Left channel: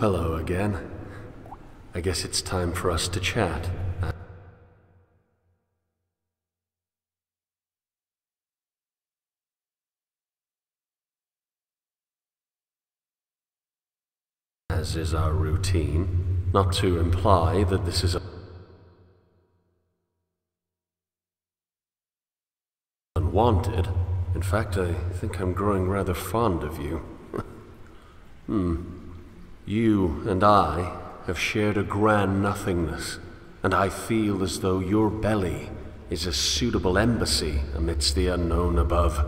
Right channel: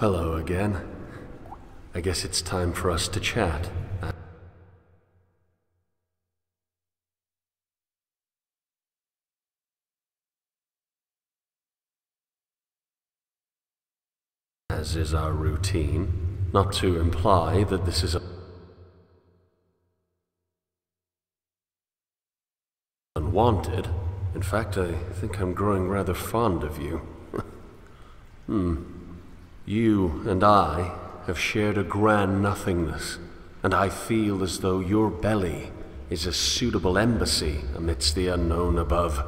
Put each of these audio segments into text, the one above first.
Hello again. I guess it's time for us to chat. As is our routine, not to imply that this is unwanted. In fact, I think I'm growing rather fond of you. You and I have shared a grand nothingness, and I feel as though your belly is a suitable embassy amidst the unknown above.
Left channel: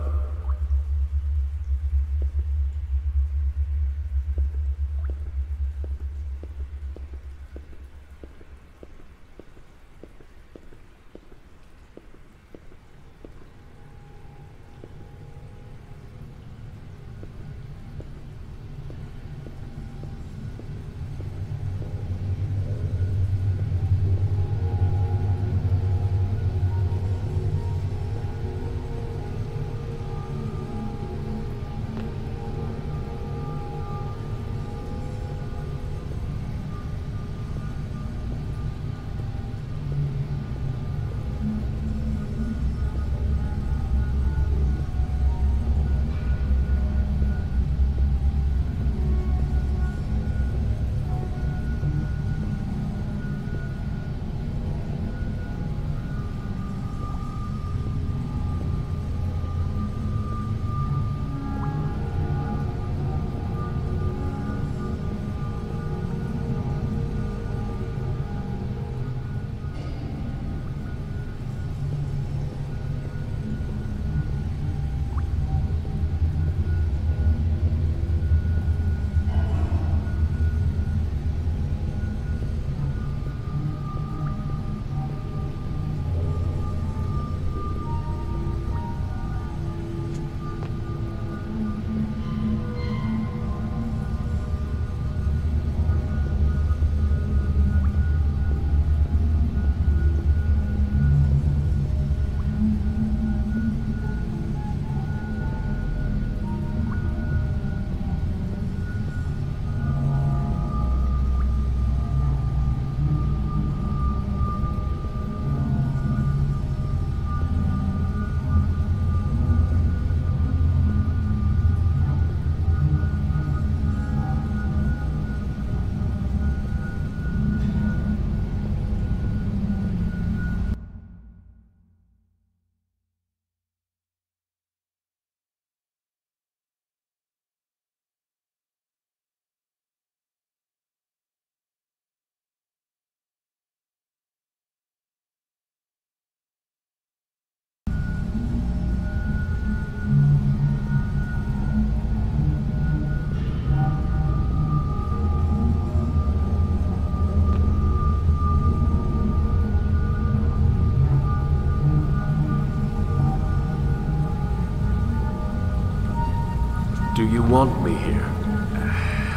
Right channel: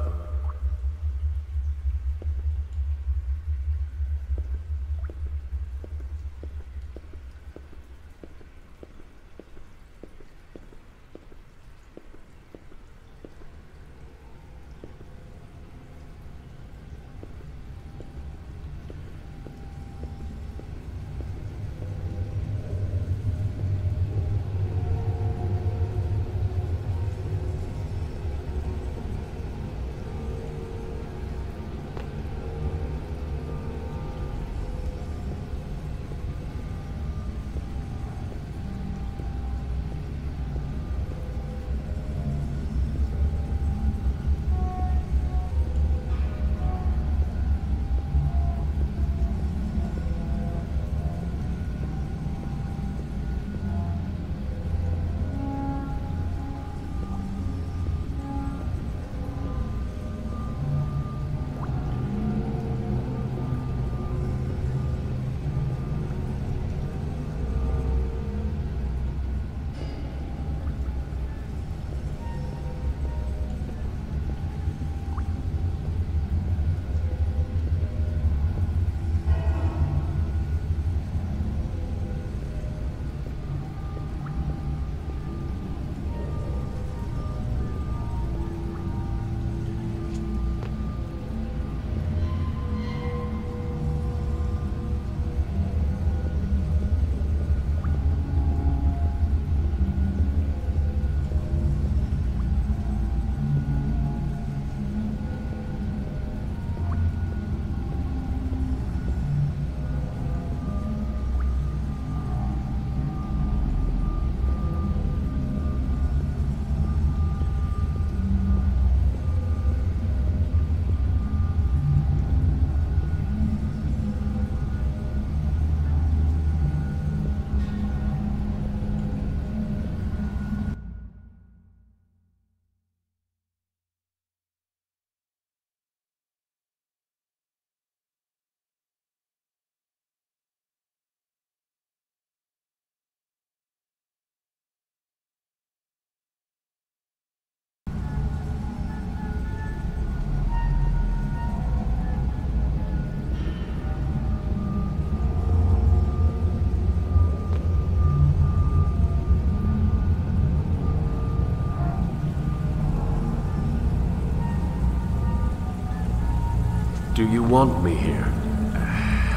Do you want me here?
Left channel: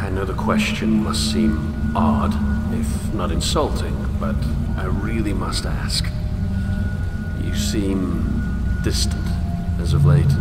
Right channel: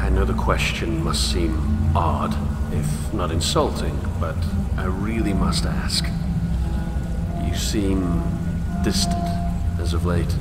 I know the question must seem odd, if not insulting, but I really must ask. You seem distant as of late.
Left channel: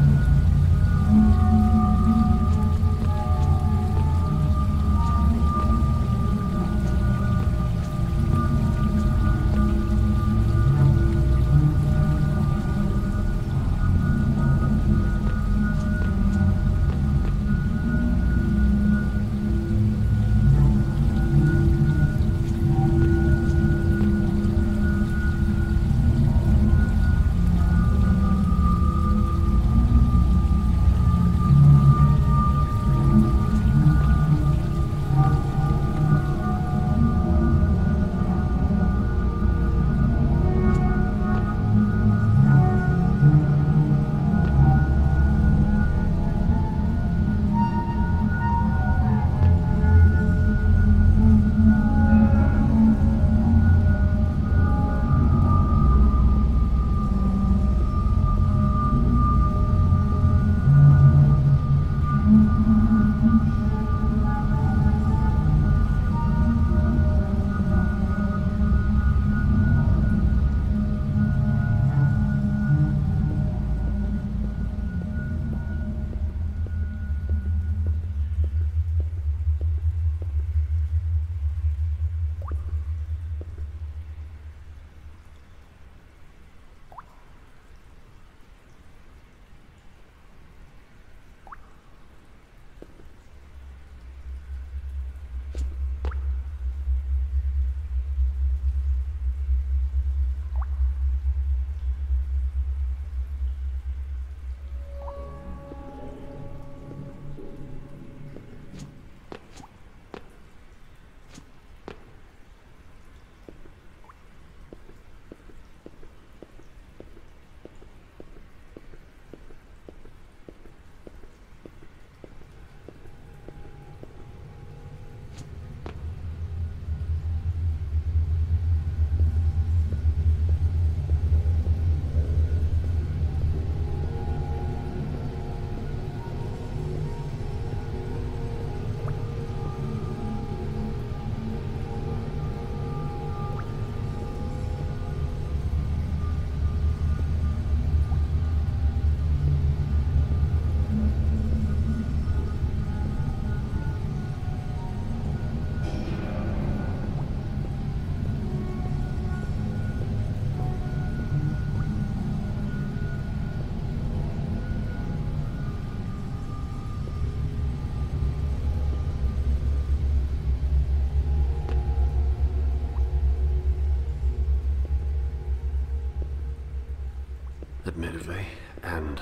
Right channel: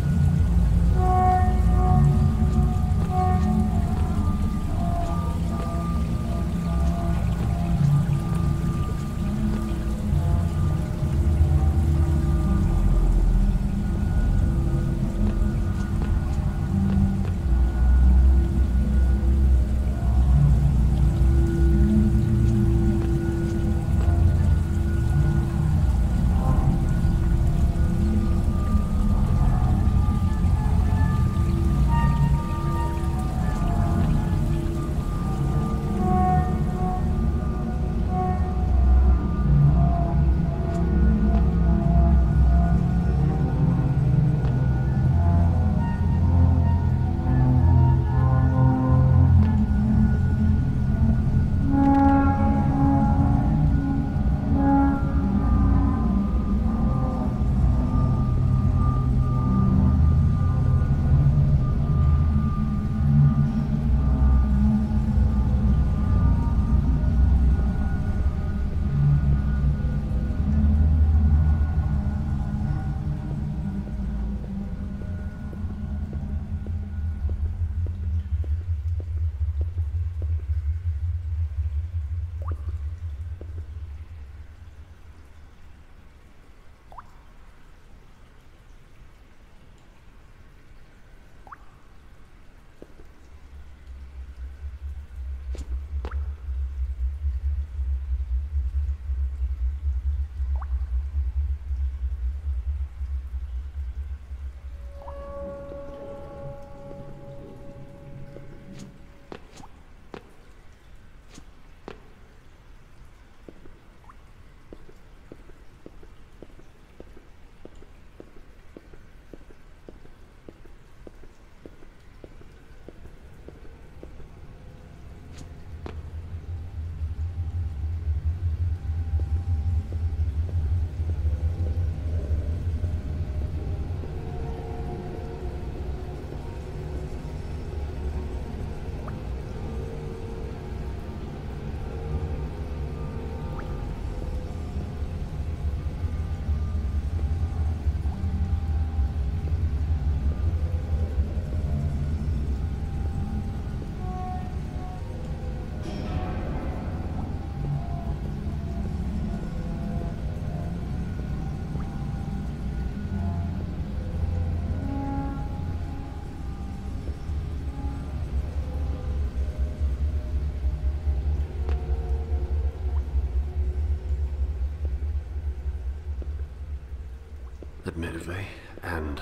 admittedly, and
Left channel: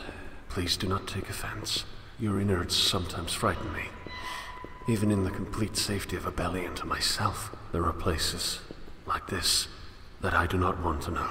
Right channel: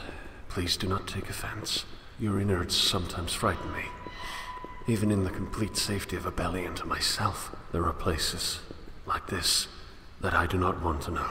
please do not take offense. Your innards sometimes frighten me. Even in the complete safety of a belly and to myself, there are places like this that I do not want to know.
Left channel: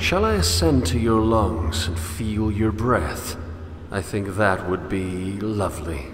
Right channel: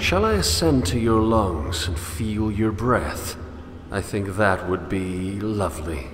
Shall I ascend to your lungs and feel your breath? I think that would be lovely.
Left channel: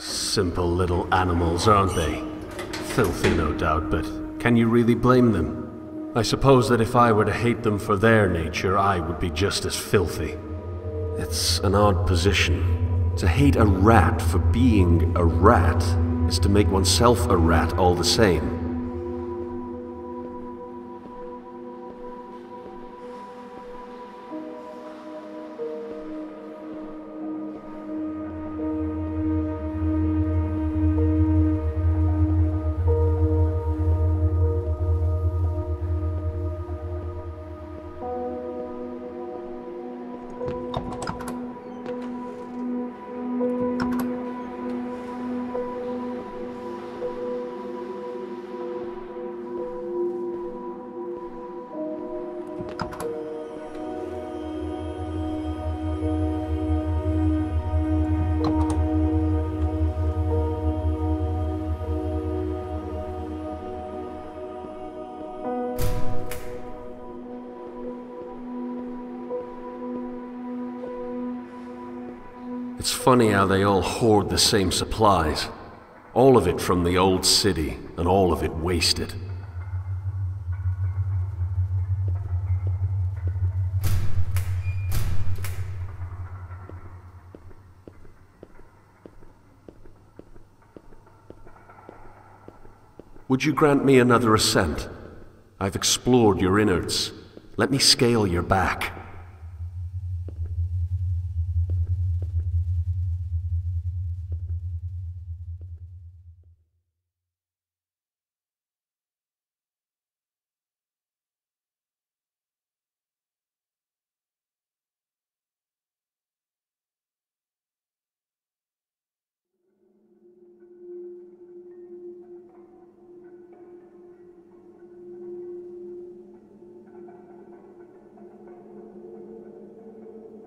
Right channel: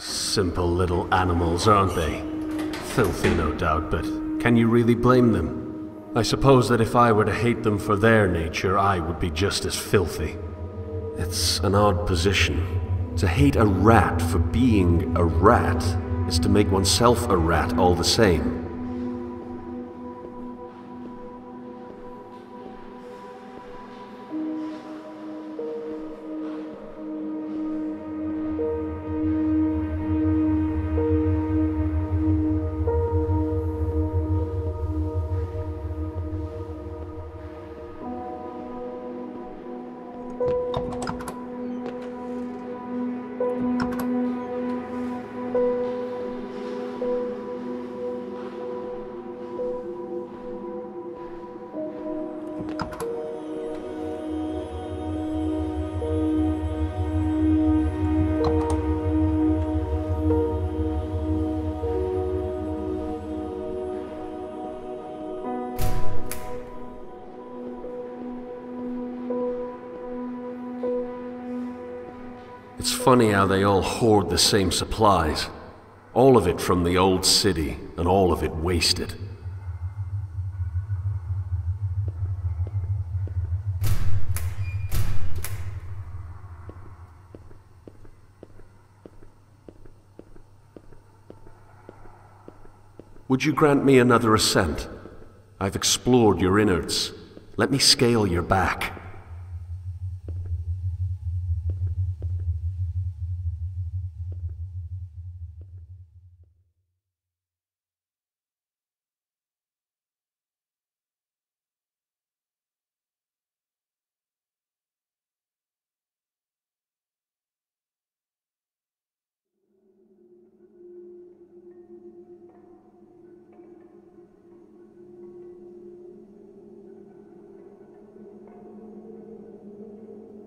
Simple little animals, aren't they? Filthy, no doubt, but can you really blame them? I suppose that if I were to hate them for their nature, I would be just as filthy. It's an odd position. To hate a rat for being a rat is to make oneself a rat all the same. It's funny how they all hoard the same supplies. All of it from the Old City, and all of it wasted. Would you grant me another ascent? I've explored your innards. Let me scale your back.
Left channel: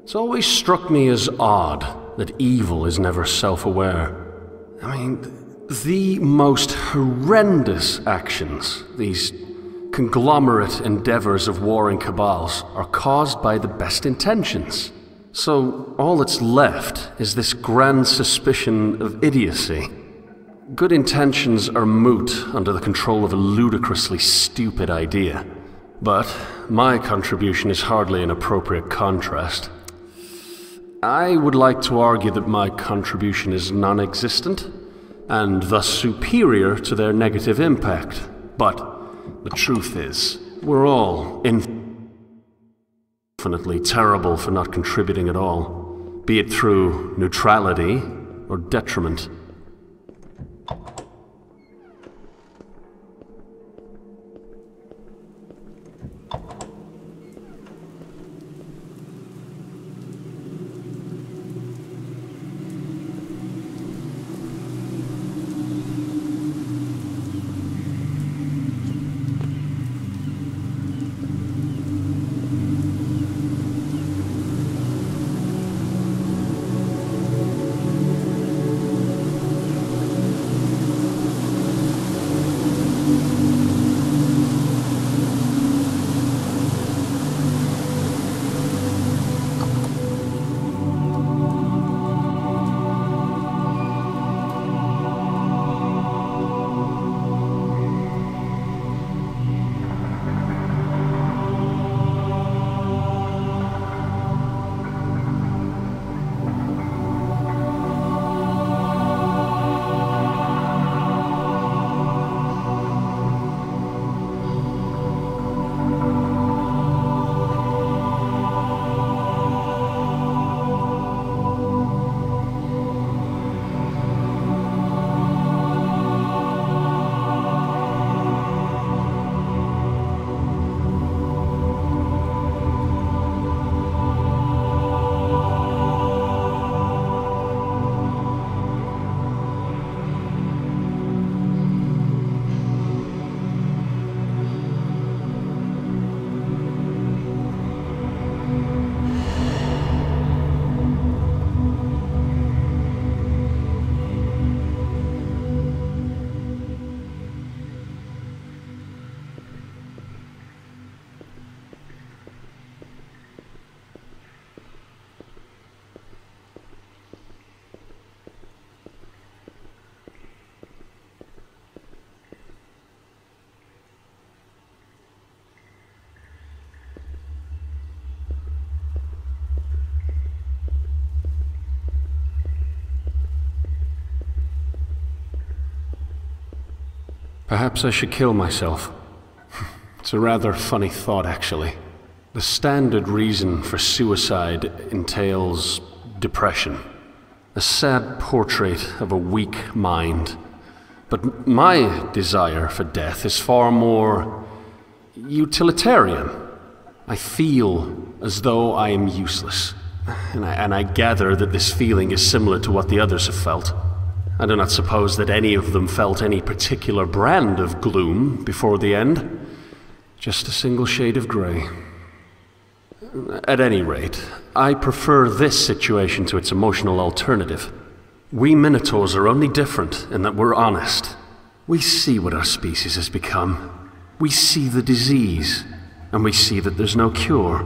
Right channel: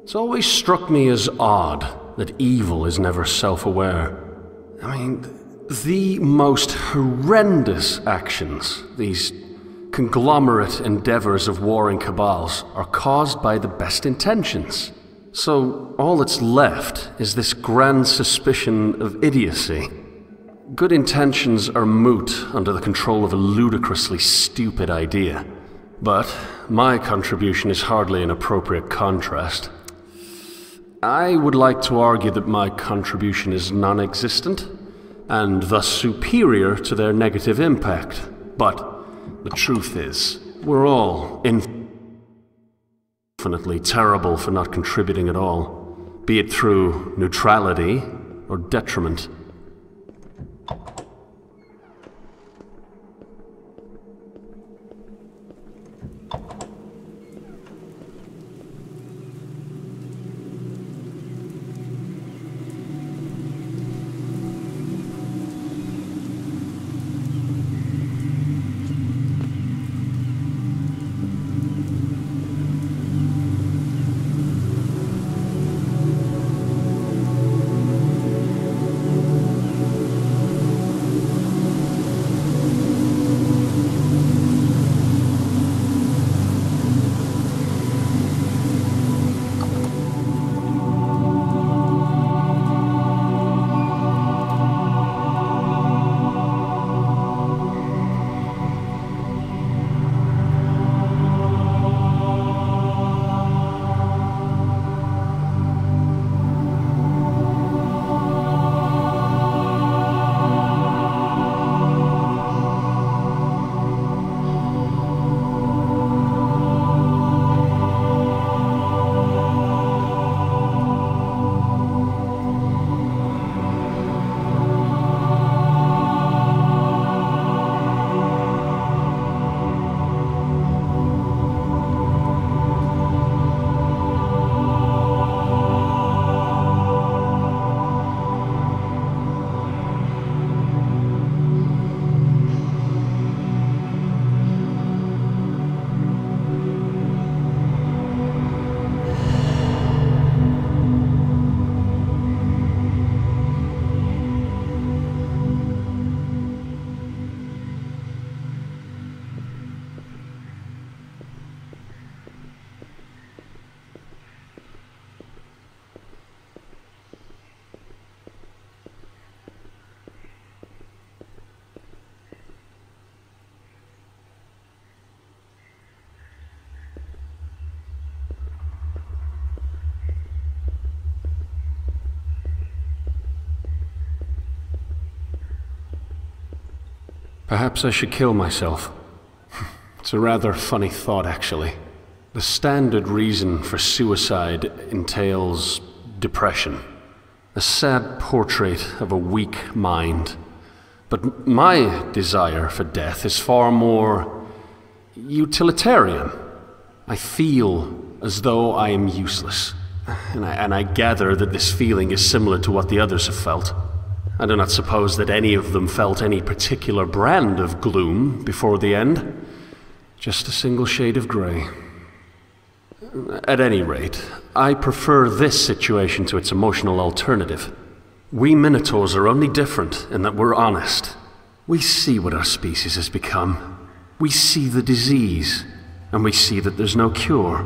It's always struck me as odd that evil is never self-aware. I mean, the most horrendous actions, these conglomerate endeavors of warring cabals, are caused by the best intentions. So all that's left is this grand suspicion of idiocy. Good intentions are moot under the control of a ludicrously stupid idea. But my contribution is hardly an appropriate contrast. I would like to argue that my contribution is non-existent, and thus superior to their negative impact. But the truth is, we're all infinitely terrible for not contributing at all, be it through neutrality or detriment. Perhaps I should kill myself. It's a rather funny thought, actually. The standard reason for suicide entails depression. A sad portrait of a weak mind. But my desire for death is far more utilitarian. I feel as though I am useless. And I gather that this feeling is similar to what the others have felt. I do not suppose that any of them felt any particular brand of gloom before the end. Just a single shade of grey. At any rate, I prefer this situation to its emotional alternative. We Minotaurs are only different in that we're honest. We see what our species has become. We see the disease, and we see that there's no cure.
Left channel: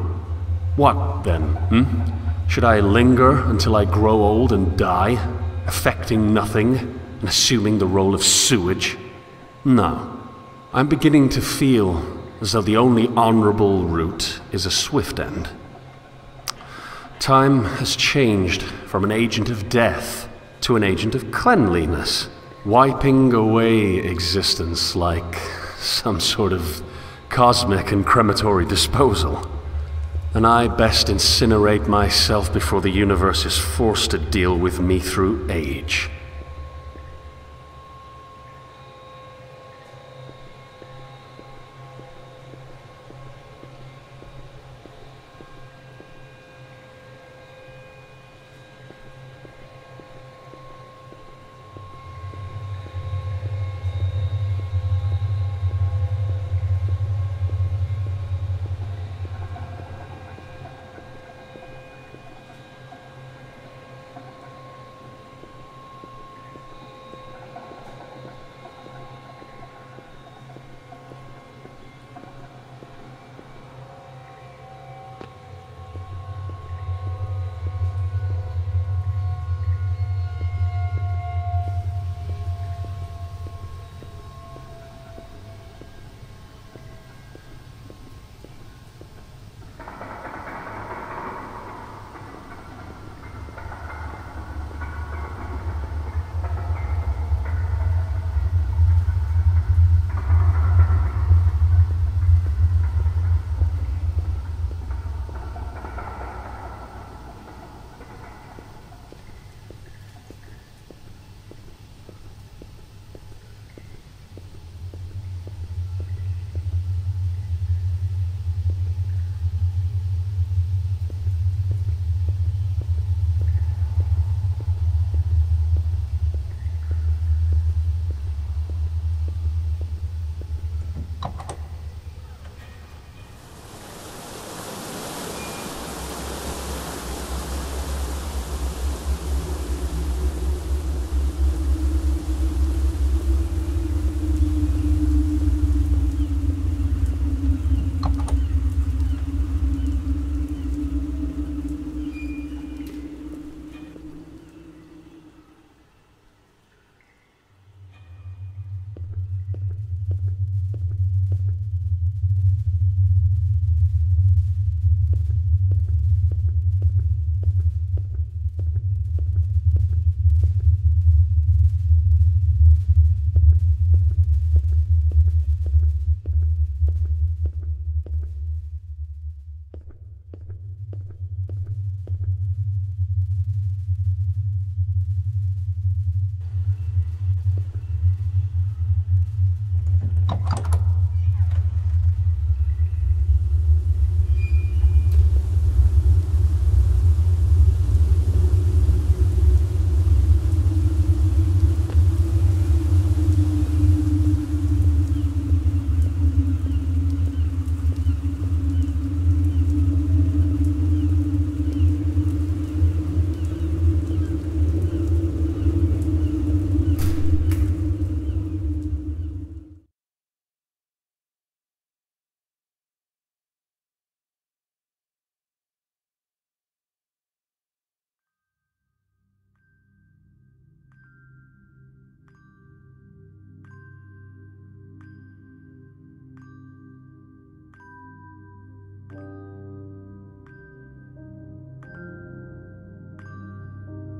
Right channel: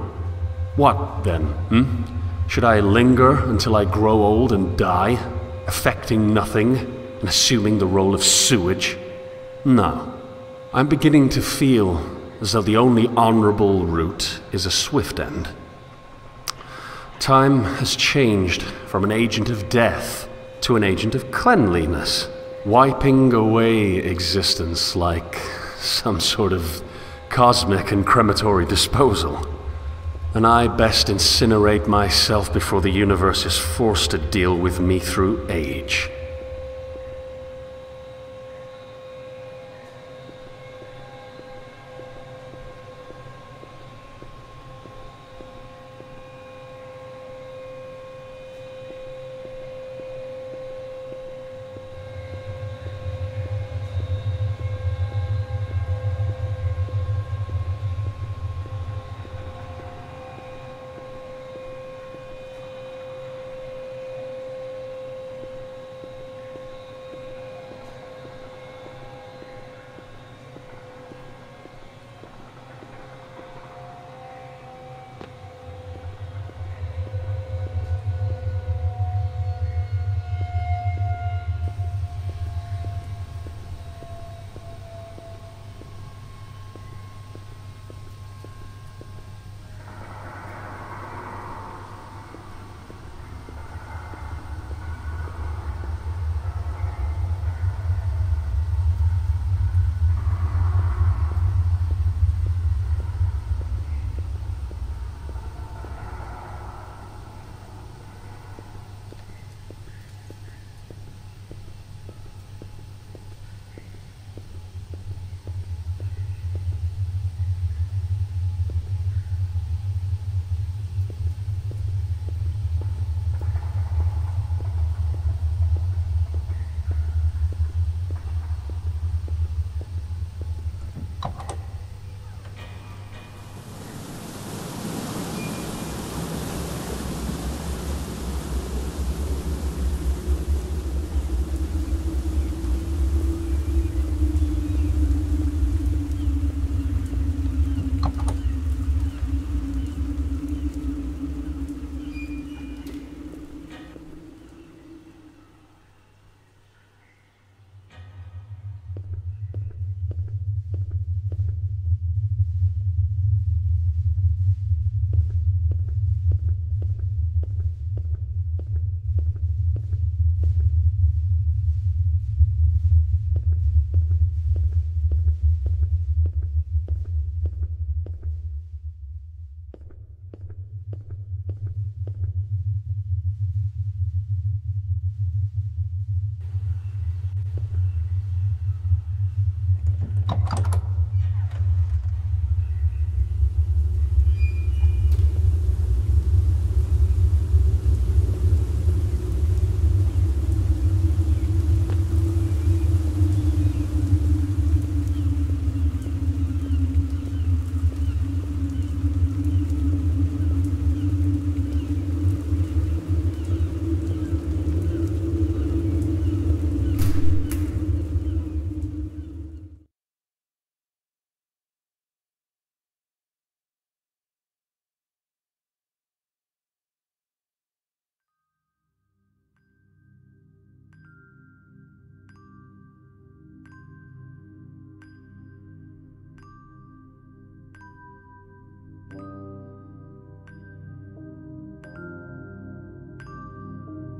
What then, Should I linger until I grow old and die, affecting nothing and assuming the role of sewage? No. I'm beginning to feel as though the only honorable route is a swift end. Time has changed from an agent of death to an agent of cleanliness, wiping away existence like some sort of cosmic and crematory disposal. And I best incinerate myself before the universe is forced to deal with me through age.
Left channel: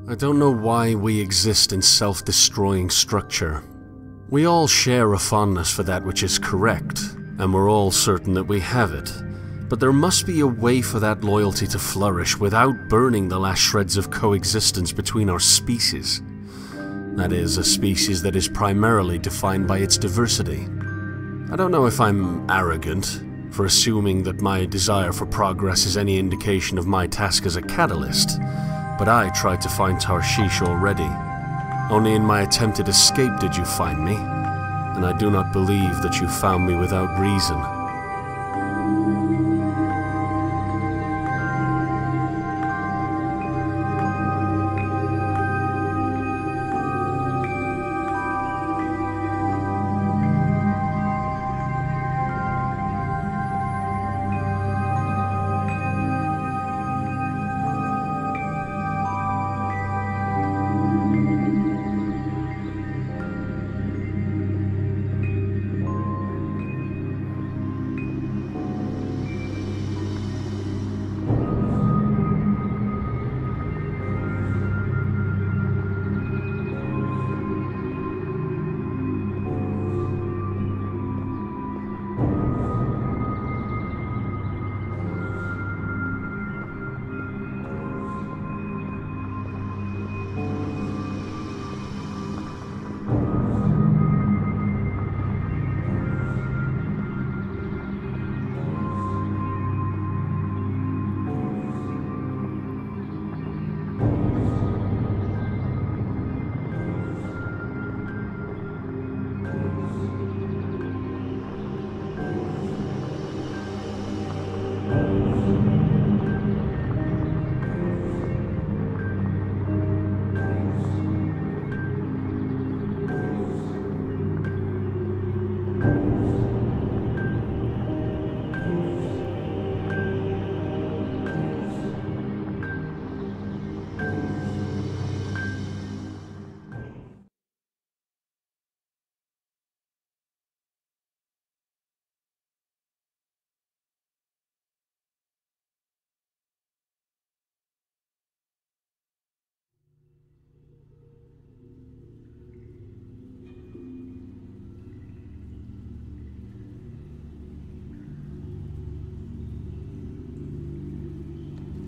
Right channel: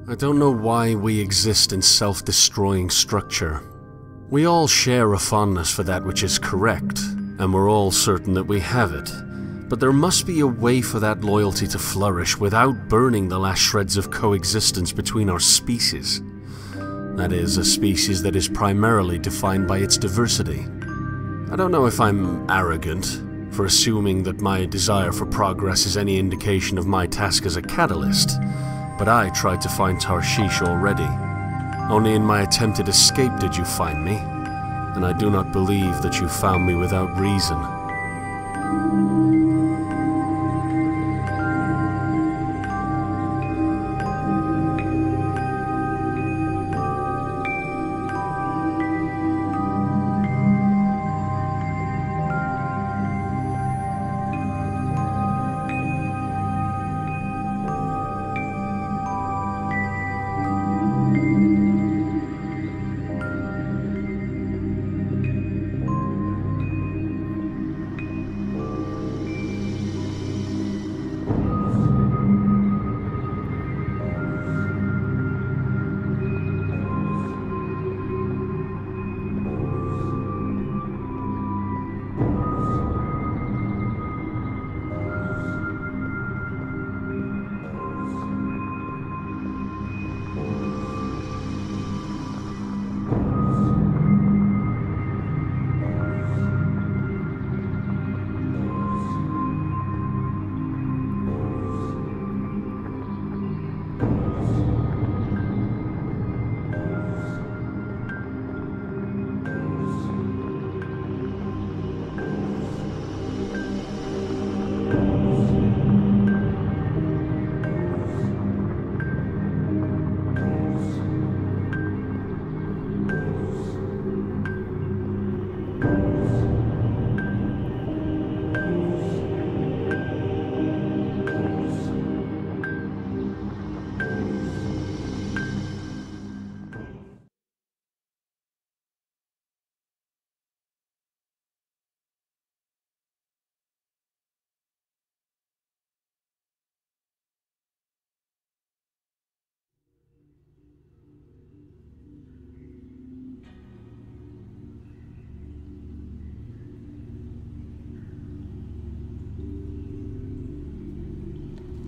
I don't know why we exist in self-destroying structure. We all share a fondness for that which is correct, and we're all certain that we have it. But there must be a way for that loyalty to flourish without burning the last shreds of coexistence between our species. That is, a species that is primarily defined by its diversity. I don't know if I'm arrogant for assuming that my desire for progress is any indication of my task as a catalyst, but I tried to find Tarshish already. Only in my attempted escape did you find me, and I do not believe that you found me without reason.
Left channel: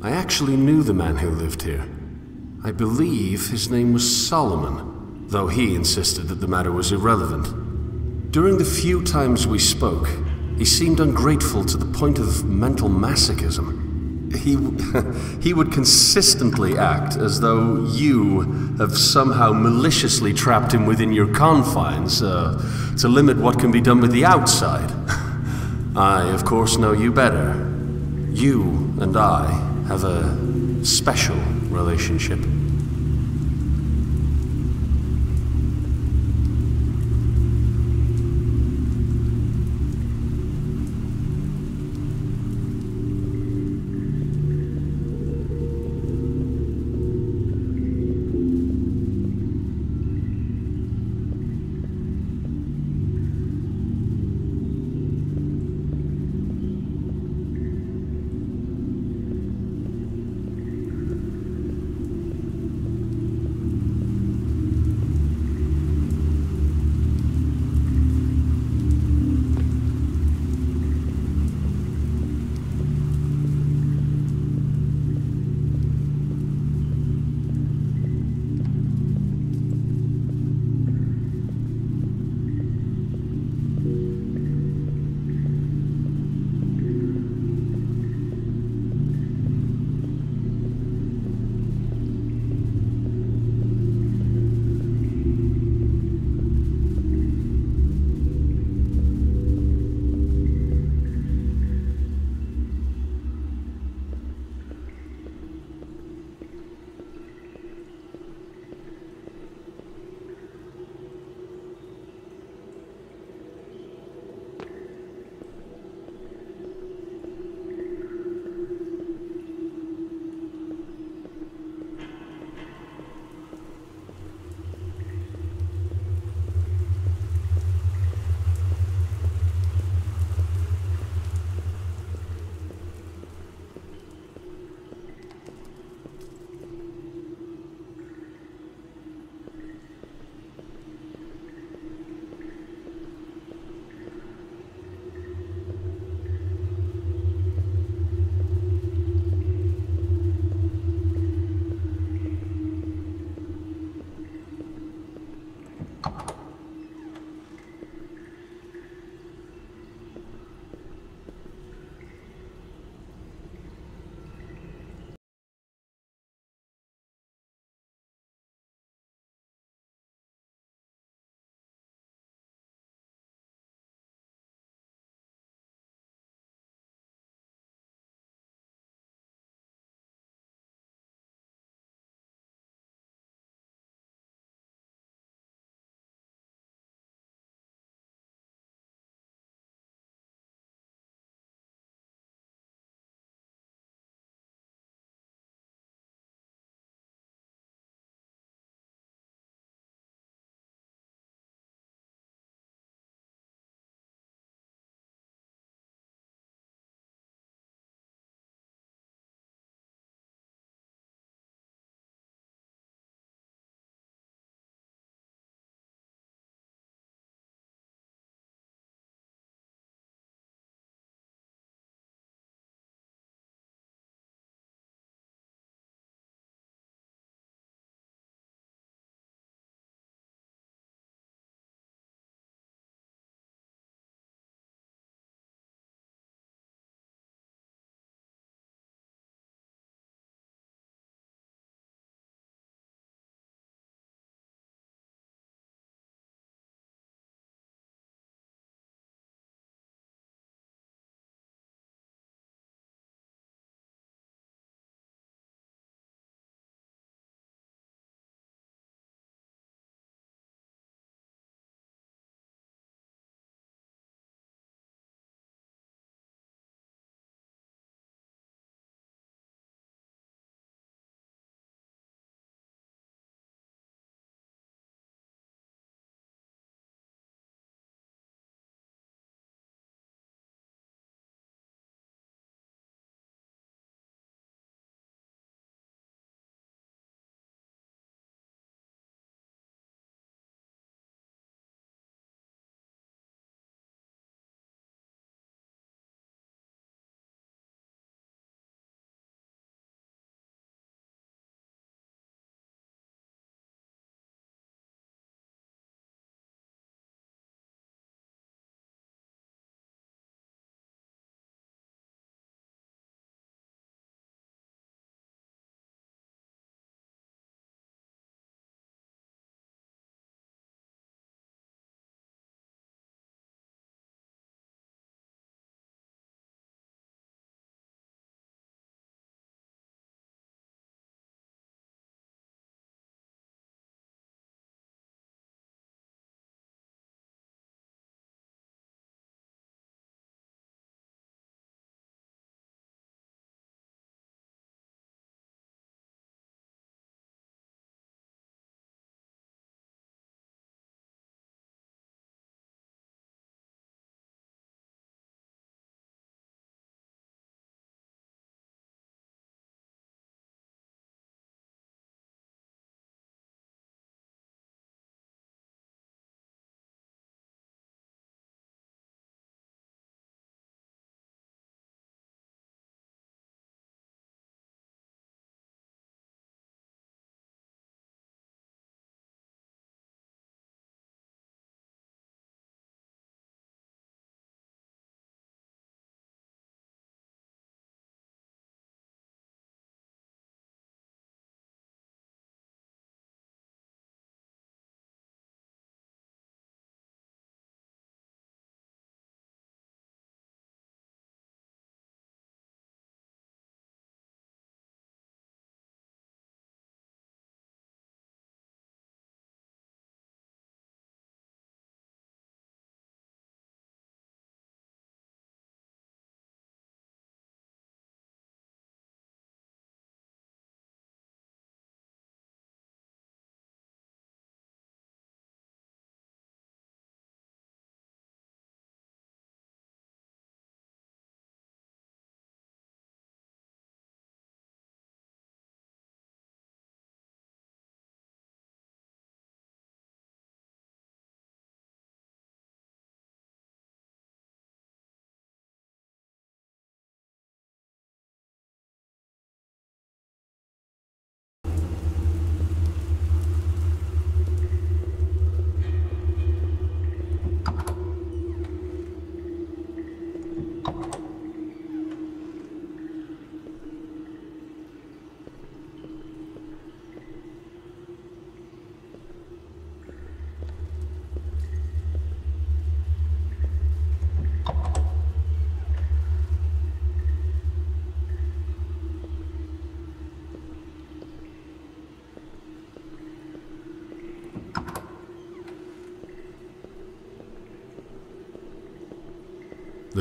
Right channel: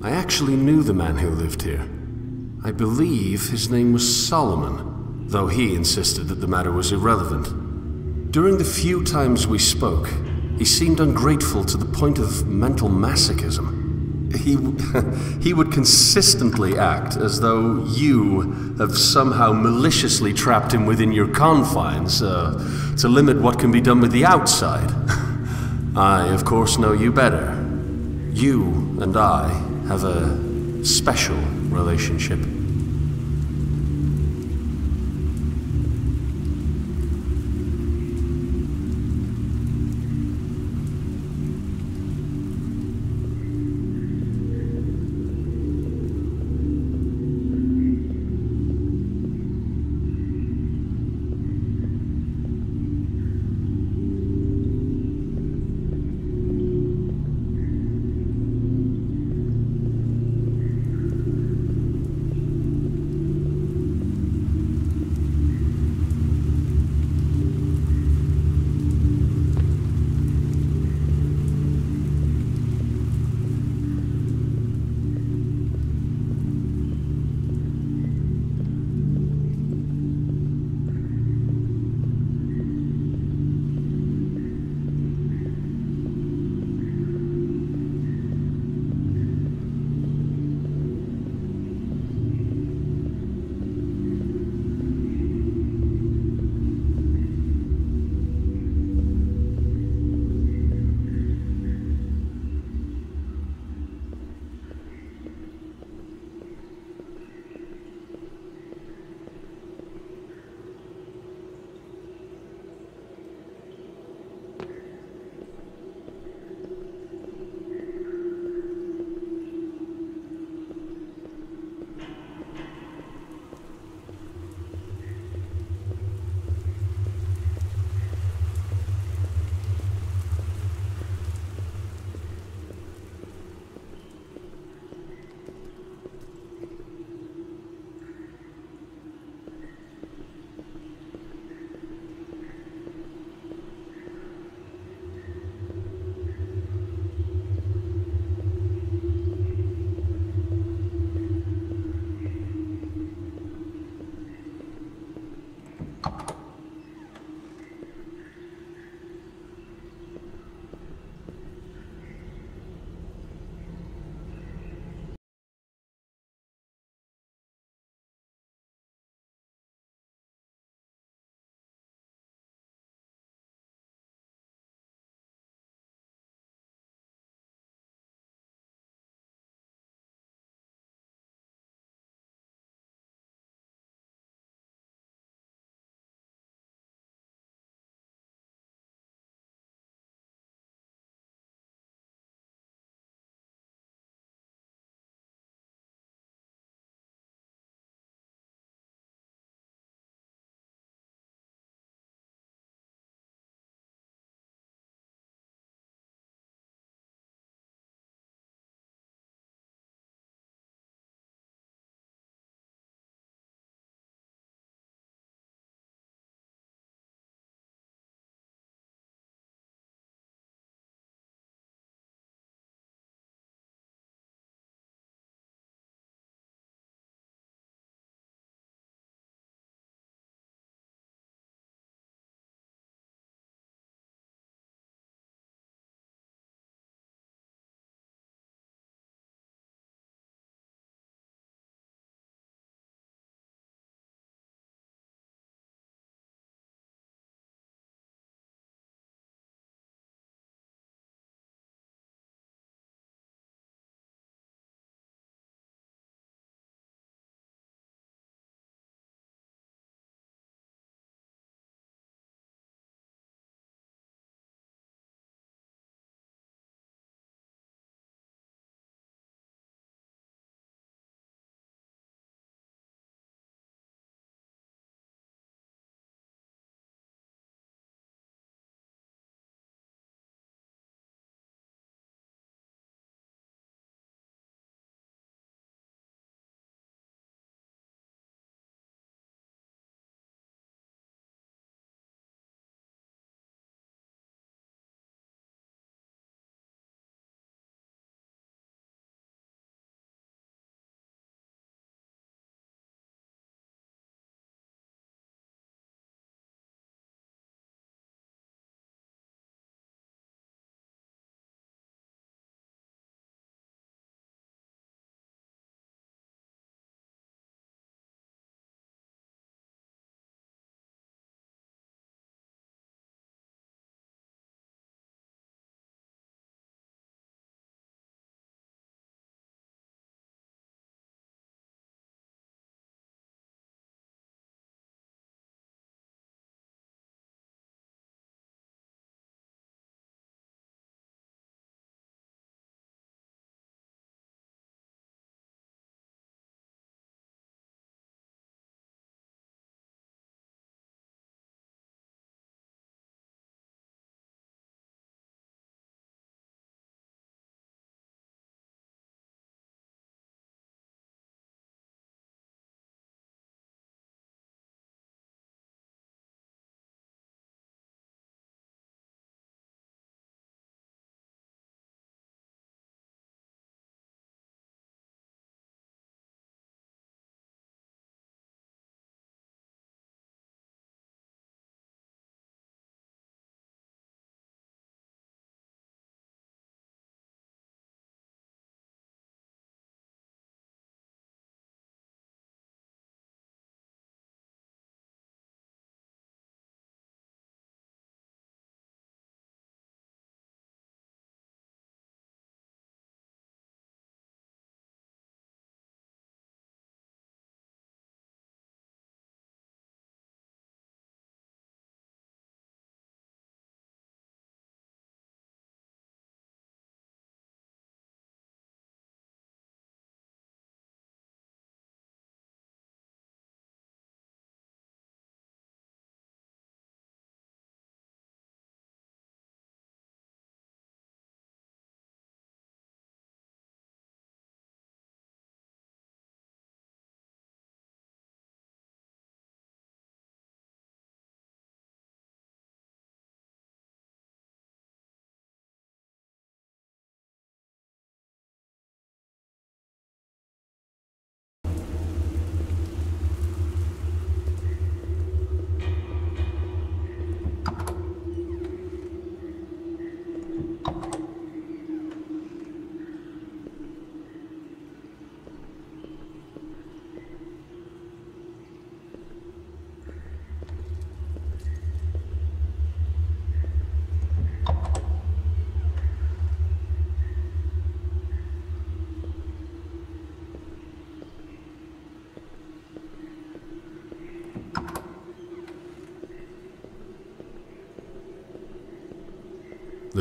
I actually knew the man who lived here. I believe his name was Solomon, though he insisted that the matter was irrelevant. During the few times we spoke, he seemed ungrateful to the point of mental masochism. He would consistently act as though you have somehow maliciously trapped him within your confines to limit what can be done with the outside. I, of course, know you better. You and I have a special relationship.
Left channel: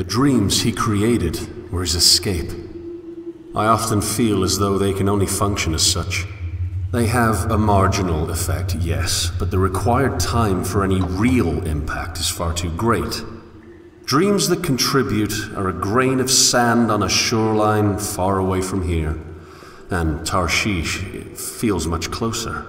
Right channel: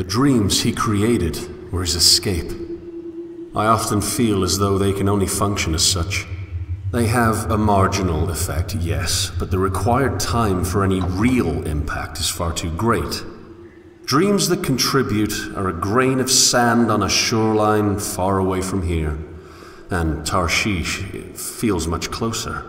The dreams he created were his escape. I often feel as though they can only function as such. They have a marginal effect, yes, but the required time for any real impact is far too great. Dreams that contribute are a grain of sand on a shoreline far away from here, and Tarshish feels much closer.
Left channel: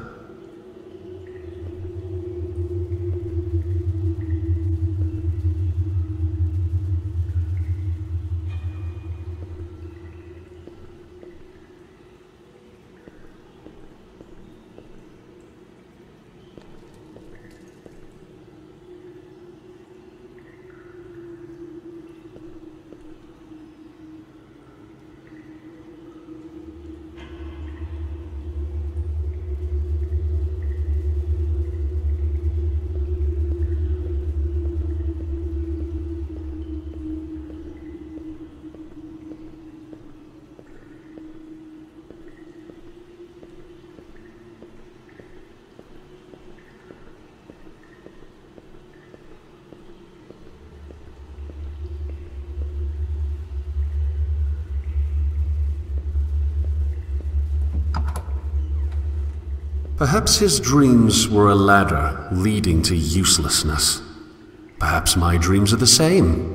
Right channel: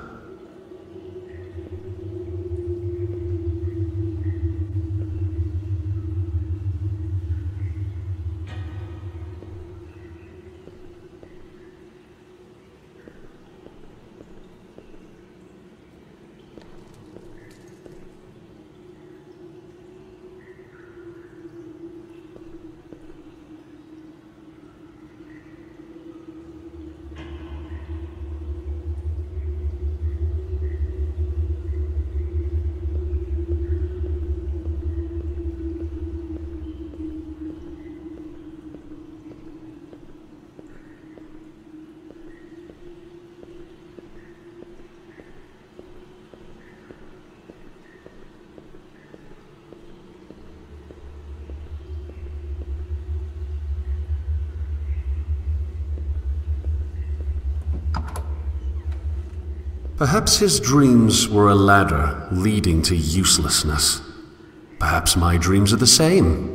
Perhaps his dreams were a ladder leading to uselessness. Perhaps my dreams are the same.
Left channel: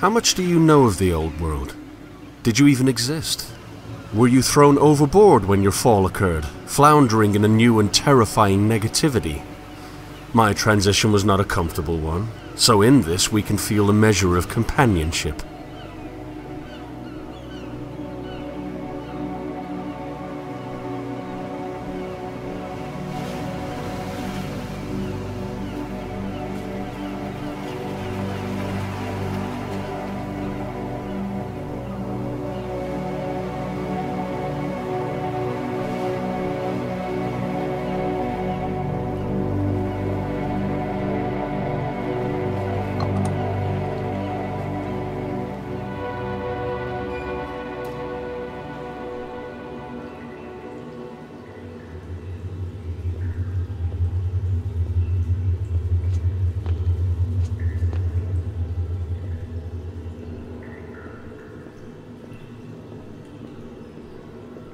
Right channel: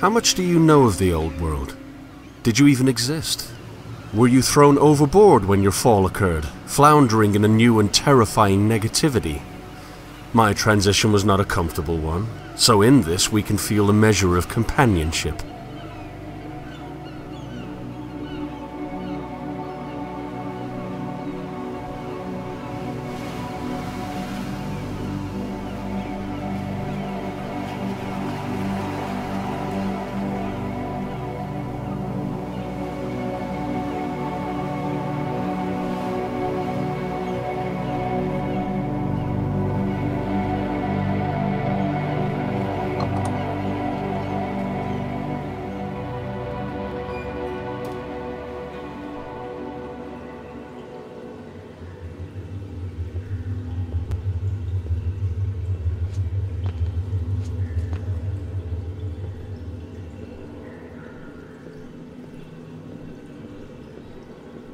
How much do you know of the old world? Did you even exist? Were you thrown overboard when your fall occurred, floundering in a new and terrifying negativity? My transition was not a comfortable one, so in this we can feel a measure of companionship.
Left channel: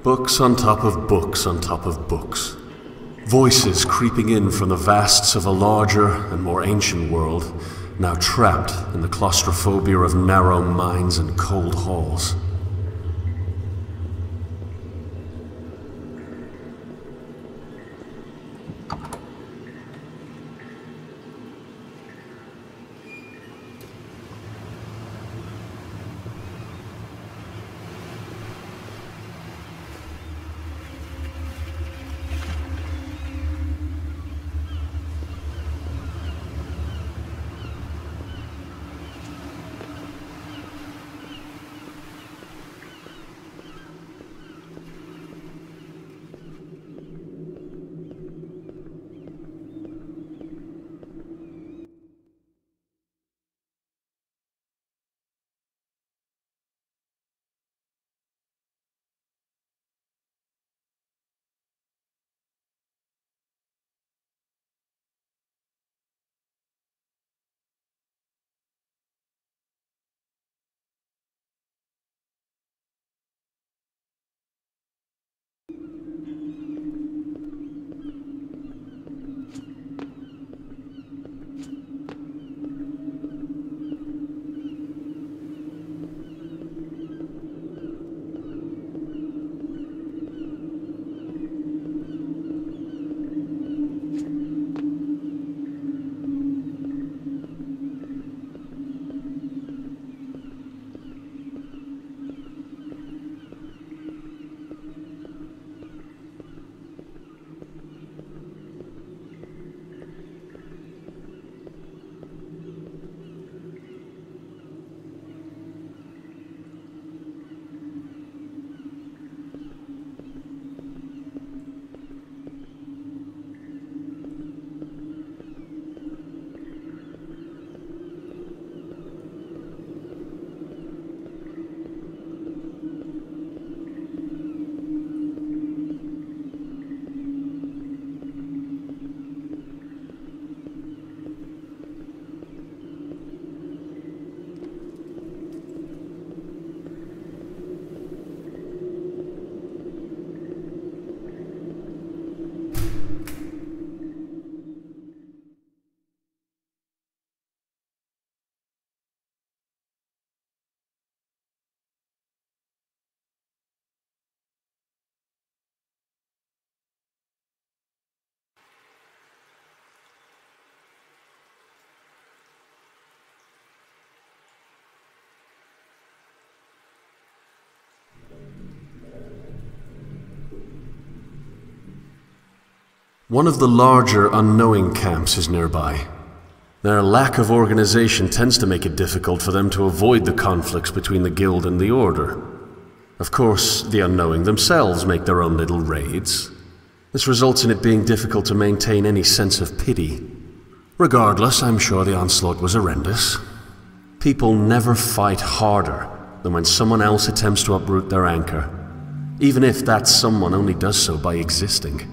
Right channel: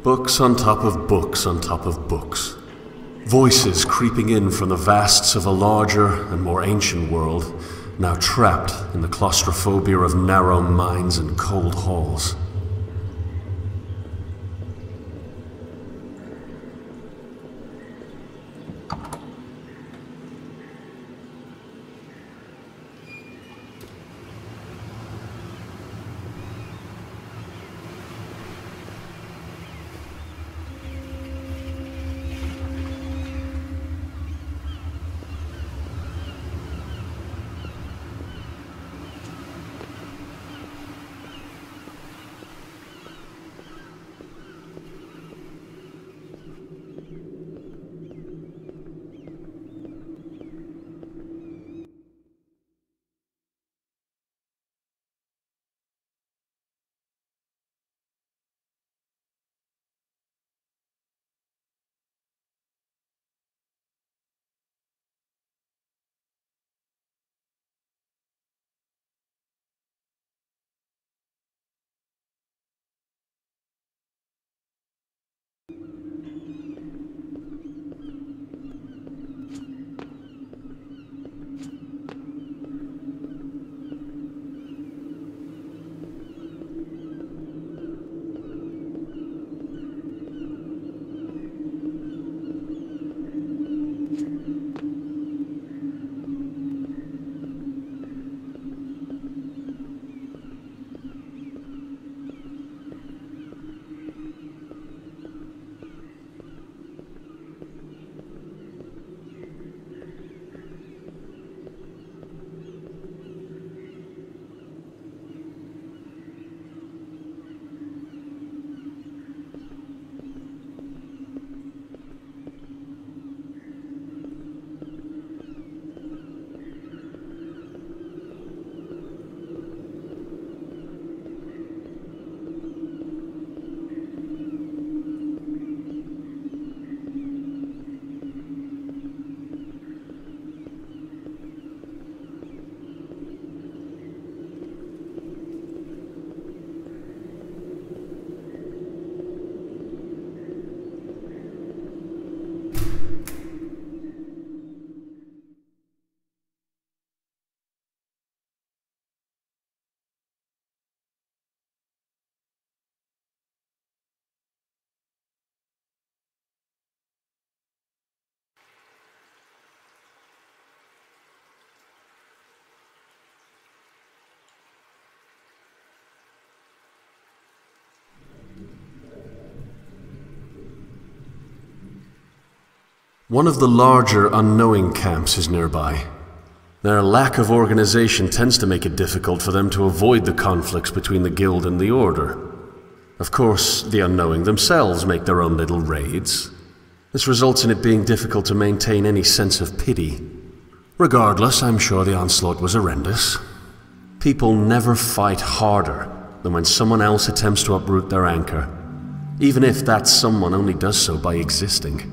Books on top of books on top of books. Voices creeping in from the vasts of a larger and more ancient world, now trapped in the claustrophobia of narrow minds and cold halls. One of the larger unknowing camps is nearby. Their lack of organization tends to make it difficult for them to avoid the conflicts between the Guild and the Order. Of course, the unknowing themselves make their own little raids. This results in it being difficult to maintain any sense of pity. Regardless, I'm sure the onslaught was horrendous. People never fight harder than when someone else attempts to uproot their anchor, even if that someone only does so by existing.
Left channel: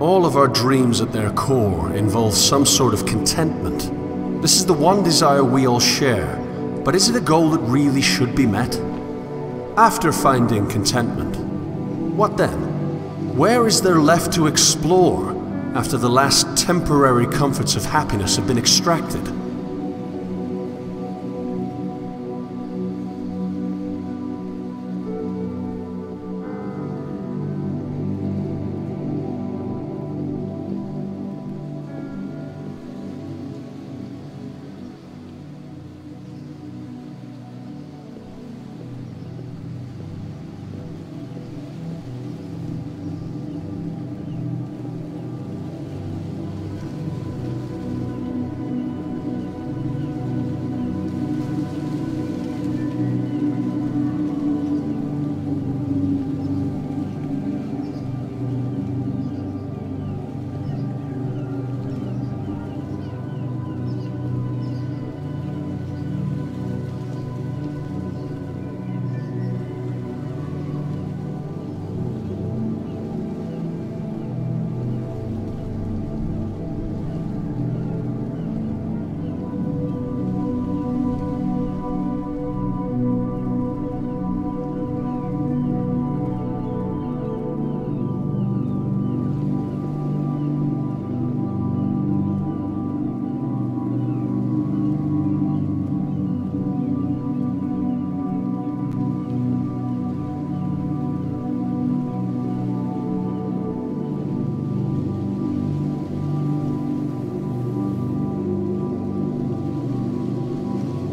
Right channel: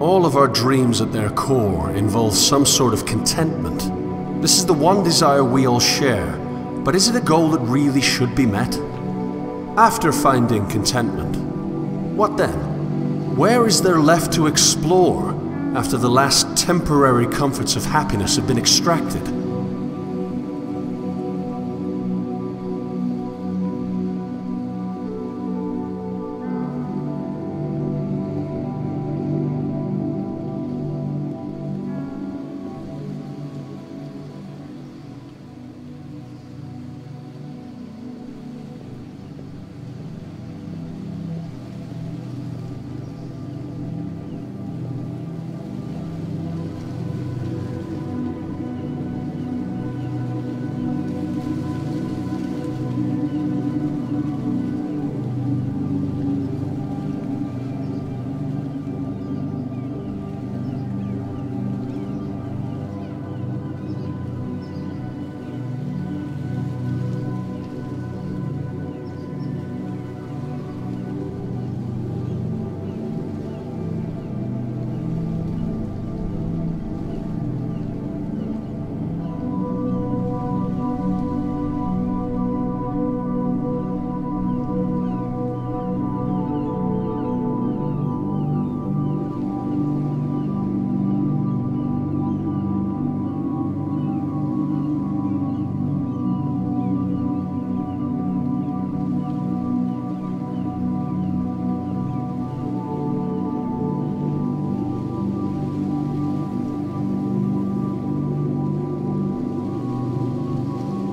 All of our dreams at their core involve some sort of contentment. This is the one desire we all share, but is it a goal that really should be met? After finding contentment, what then? Where is there left to explore after the last temporary comforts of happiness have been extracted?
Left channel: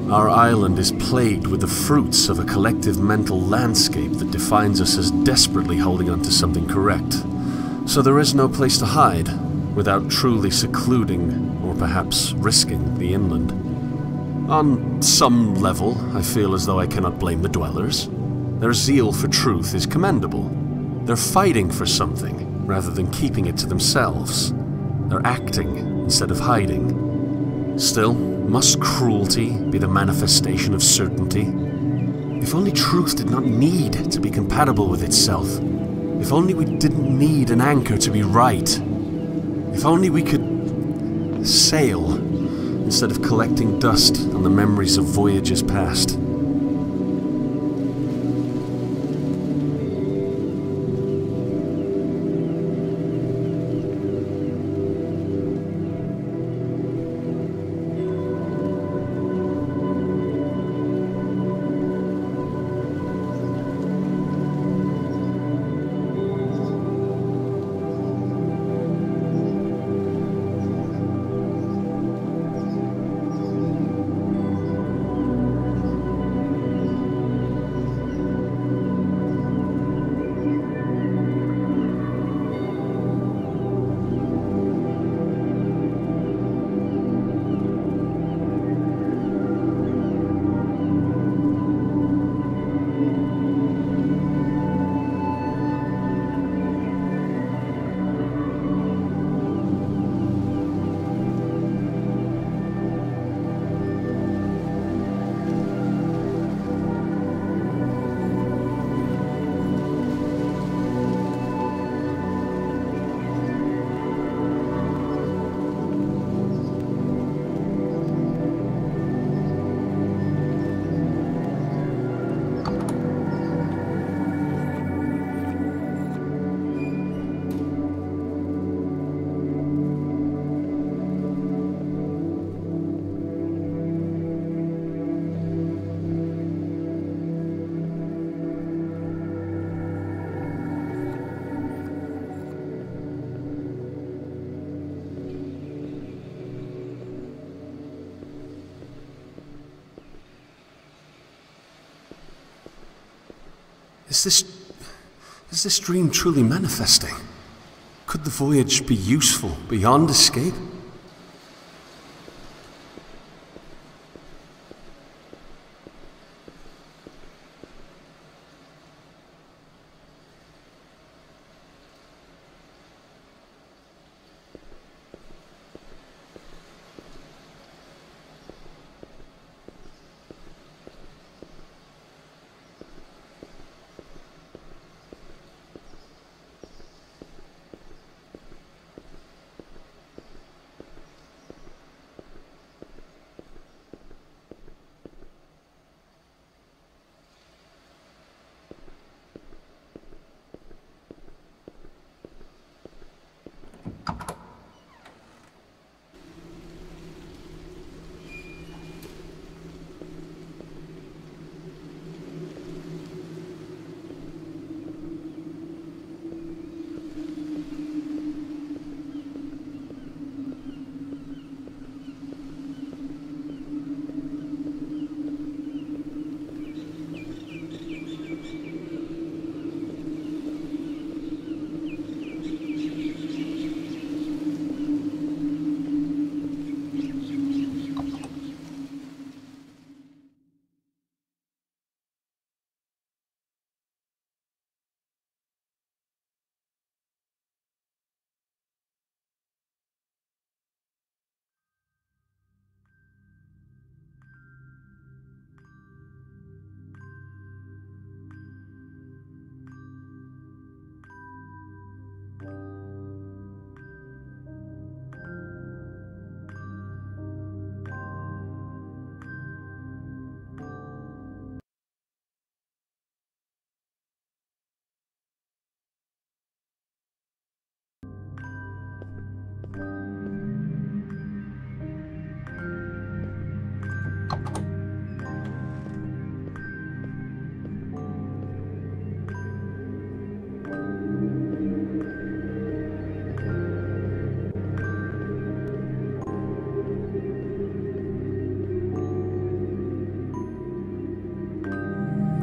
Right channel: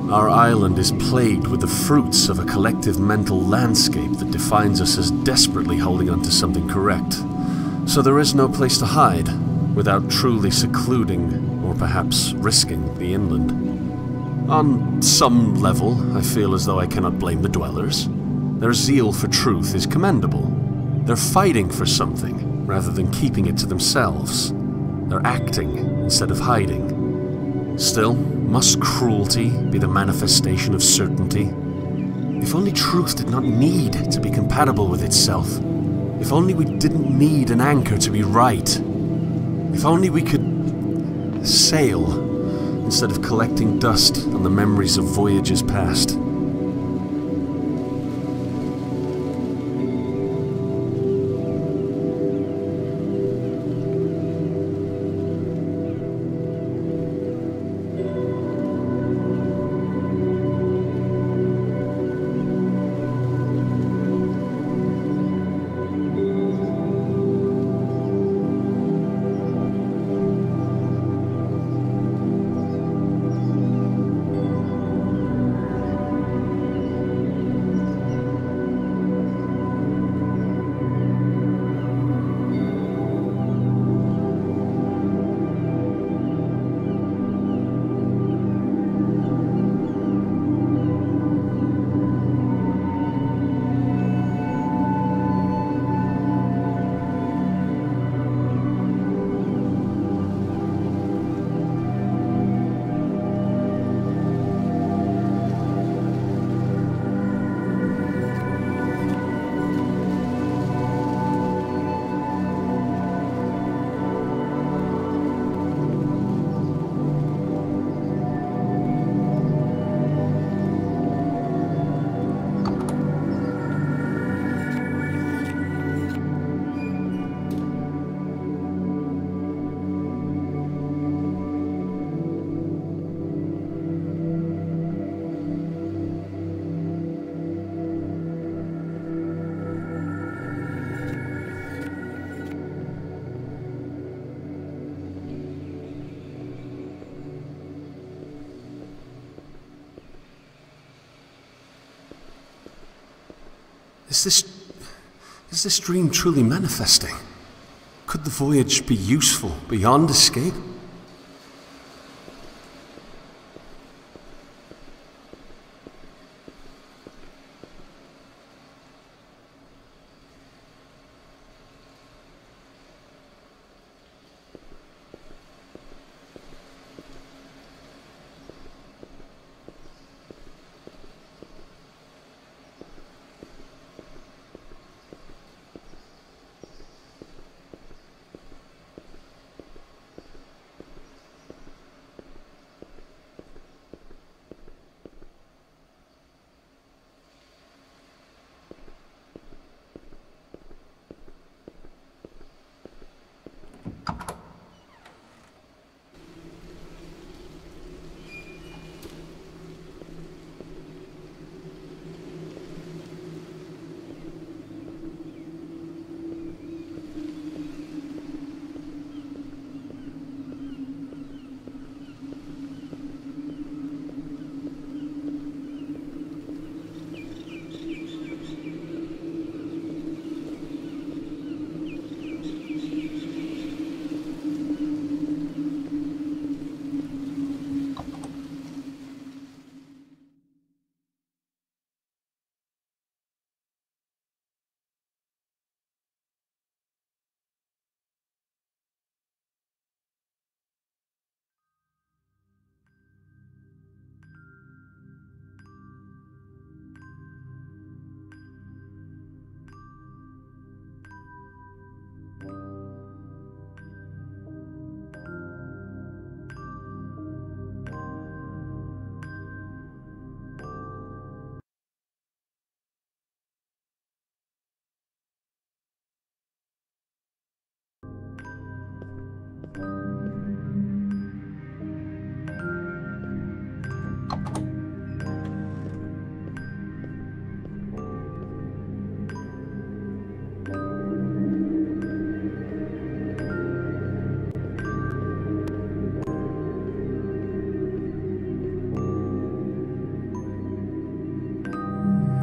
Our island is plagued with the fruits of a collective mental landscape that defines us as desperately holding on to something correct. So there is no place to hide, without truly secluding, or perhaps risking, the inland. On some level, I feel as though I cannot blame the dwellers. Their zeal for truth is commendable. They're fighting for something, rather than keeping it to themselves. They're acting instead of hiding. Still, must cruelty be the manifestation of certainty? If only truth did not need to be compatible with itself. If only we didn't need an anchor to be right. If only we could sail instead of collecting dust on the memories of voyages past. Is this dream truly manifesting? Could the voyage be useful beyond escape?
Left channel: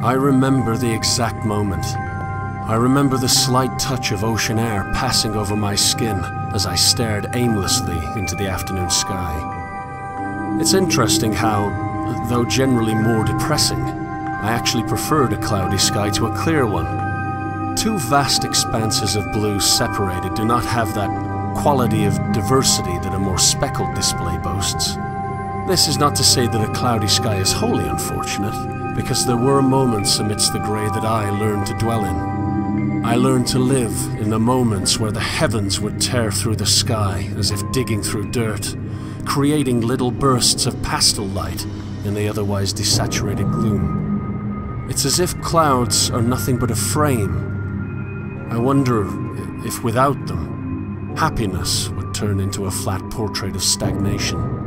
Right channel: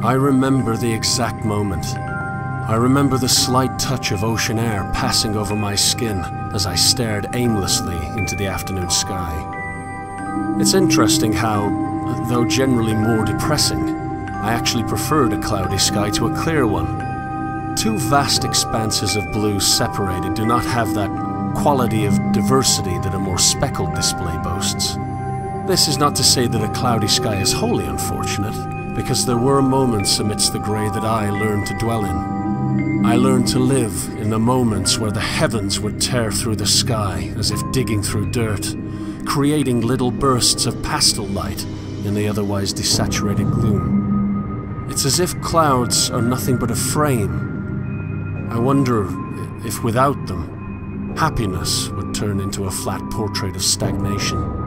I remember the exact moment. I remember the slight touch of ocean air passing over my skin as I stared aimlessly into the afternoon sky. It's interesting how, though generally more depressing, I actually preferred a cloudy sky to a clear one. Two vast expanses of blue separated do not have that quality of diversity that a more speckled display boasts. This is not to say that a cloudy sky is wholly unfortunate, because there were moments amidst the grey that I learned to dwell in. I learned to live in the moments where the heavens would tear through the sky as if digging through dirt, creating little bursts of pastel light in the otherwise desaturated gloom. It's as if clouds are nothing but a frame. I wonder if without them, happiness would turn into a flat portrait of stagnation.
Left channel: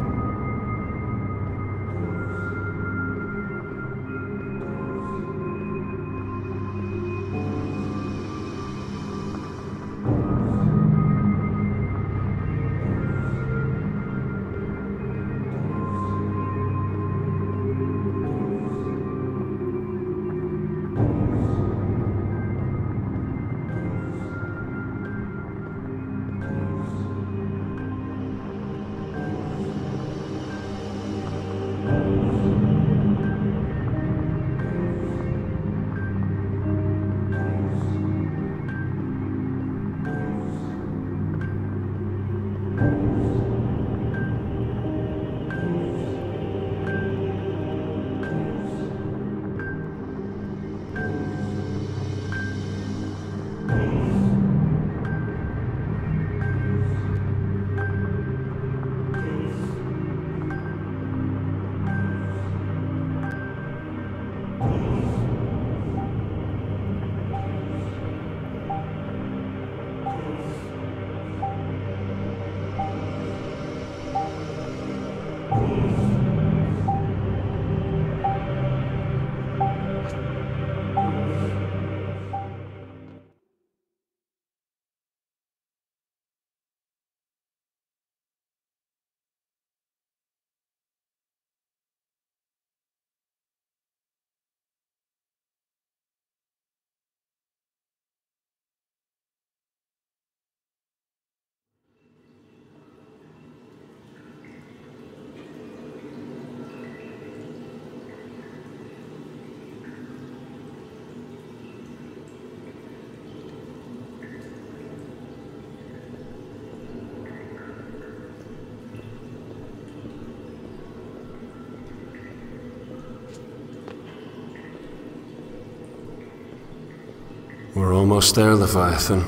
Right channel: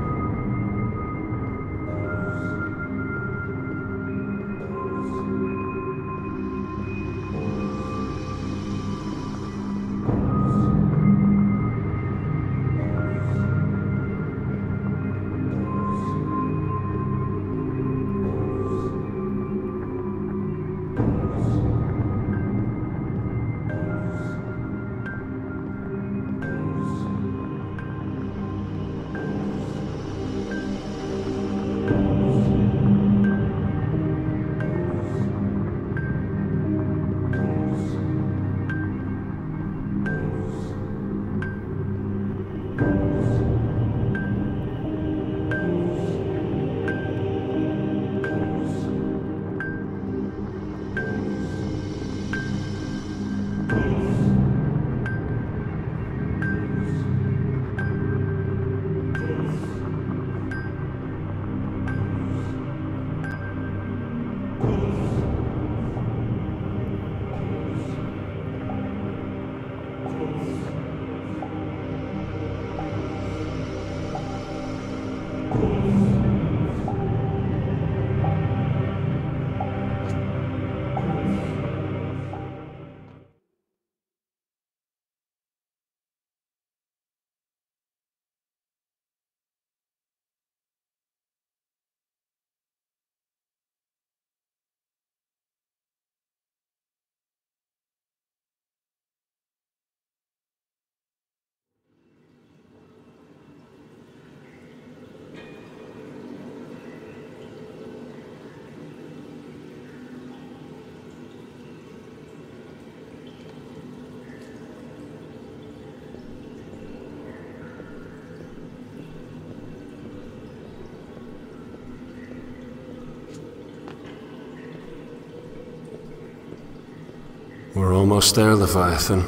We're almost there, Leviathan.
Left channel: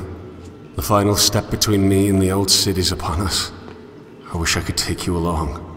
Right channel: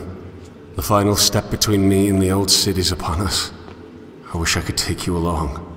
The final step between me and the Old City's upon us. I wish I could take you along.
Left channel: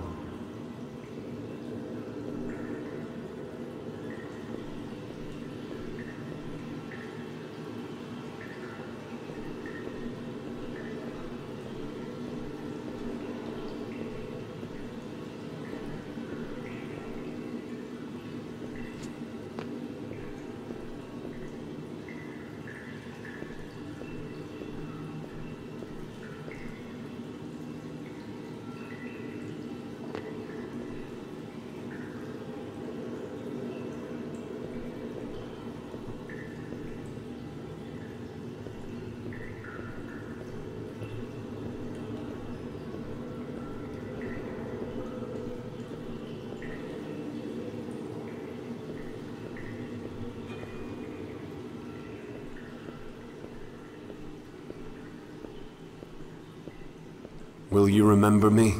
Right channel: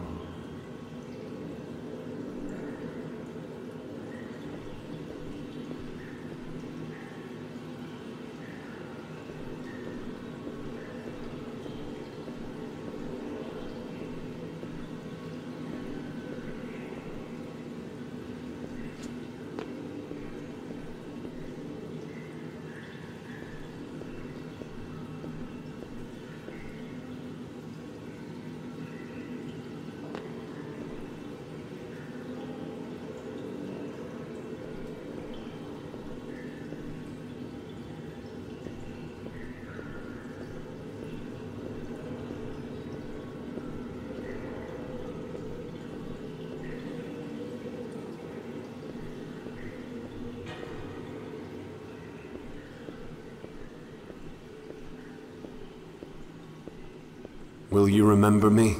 Will you remember me?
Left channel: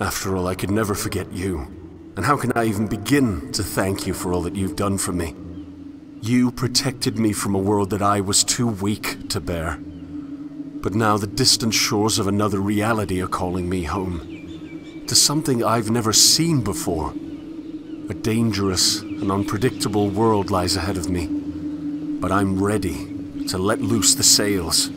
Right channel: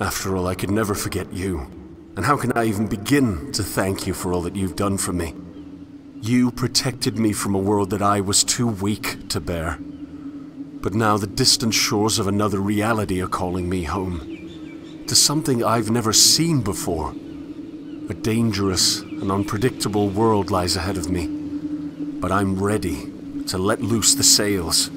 After all, I could never forget you. And how can I even begin to thank you for all that you've done for me? You protected me from a world that I was too weak to bear. But now the distant shores of another reality are calling me home. To something I've never seen before. A dangerous and unpredictable world lies ahead of me. But I'm ready to let loose the sails.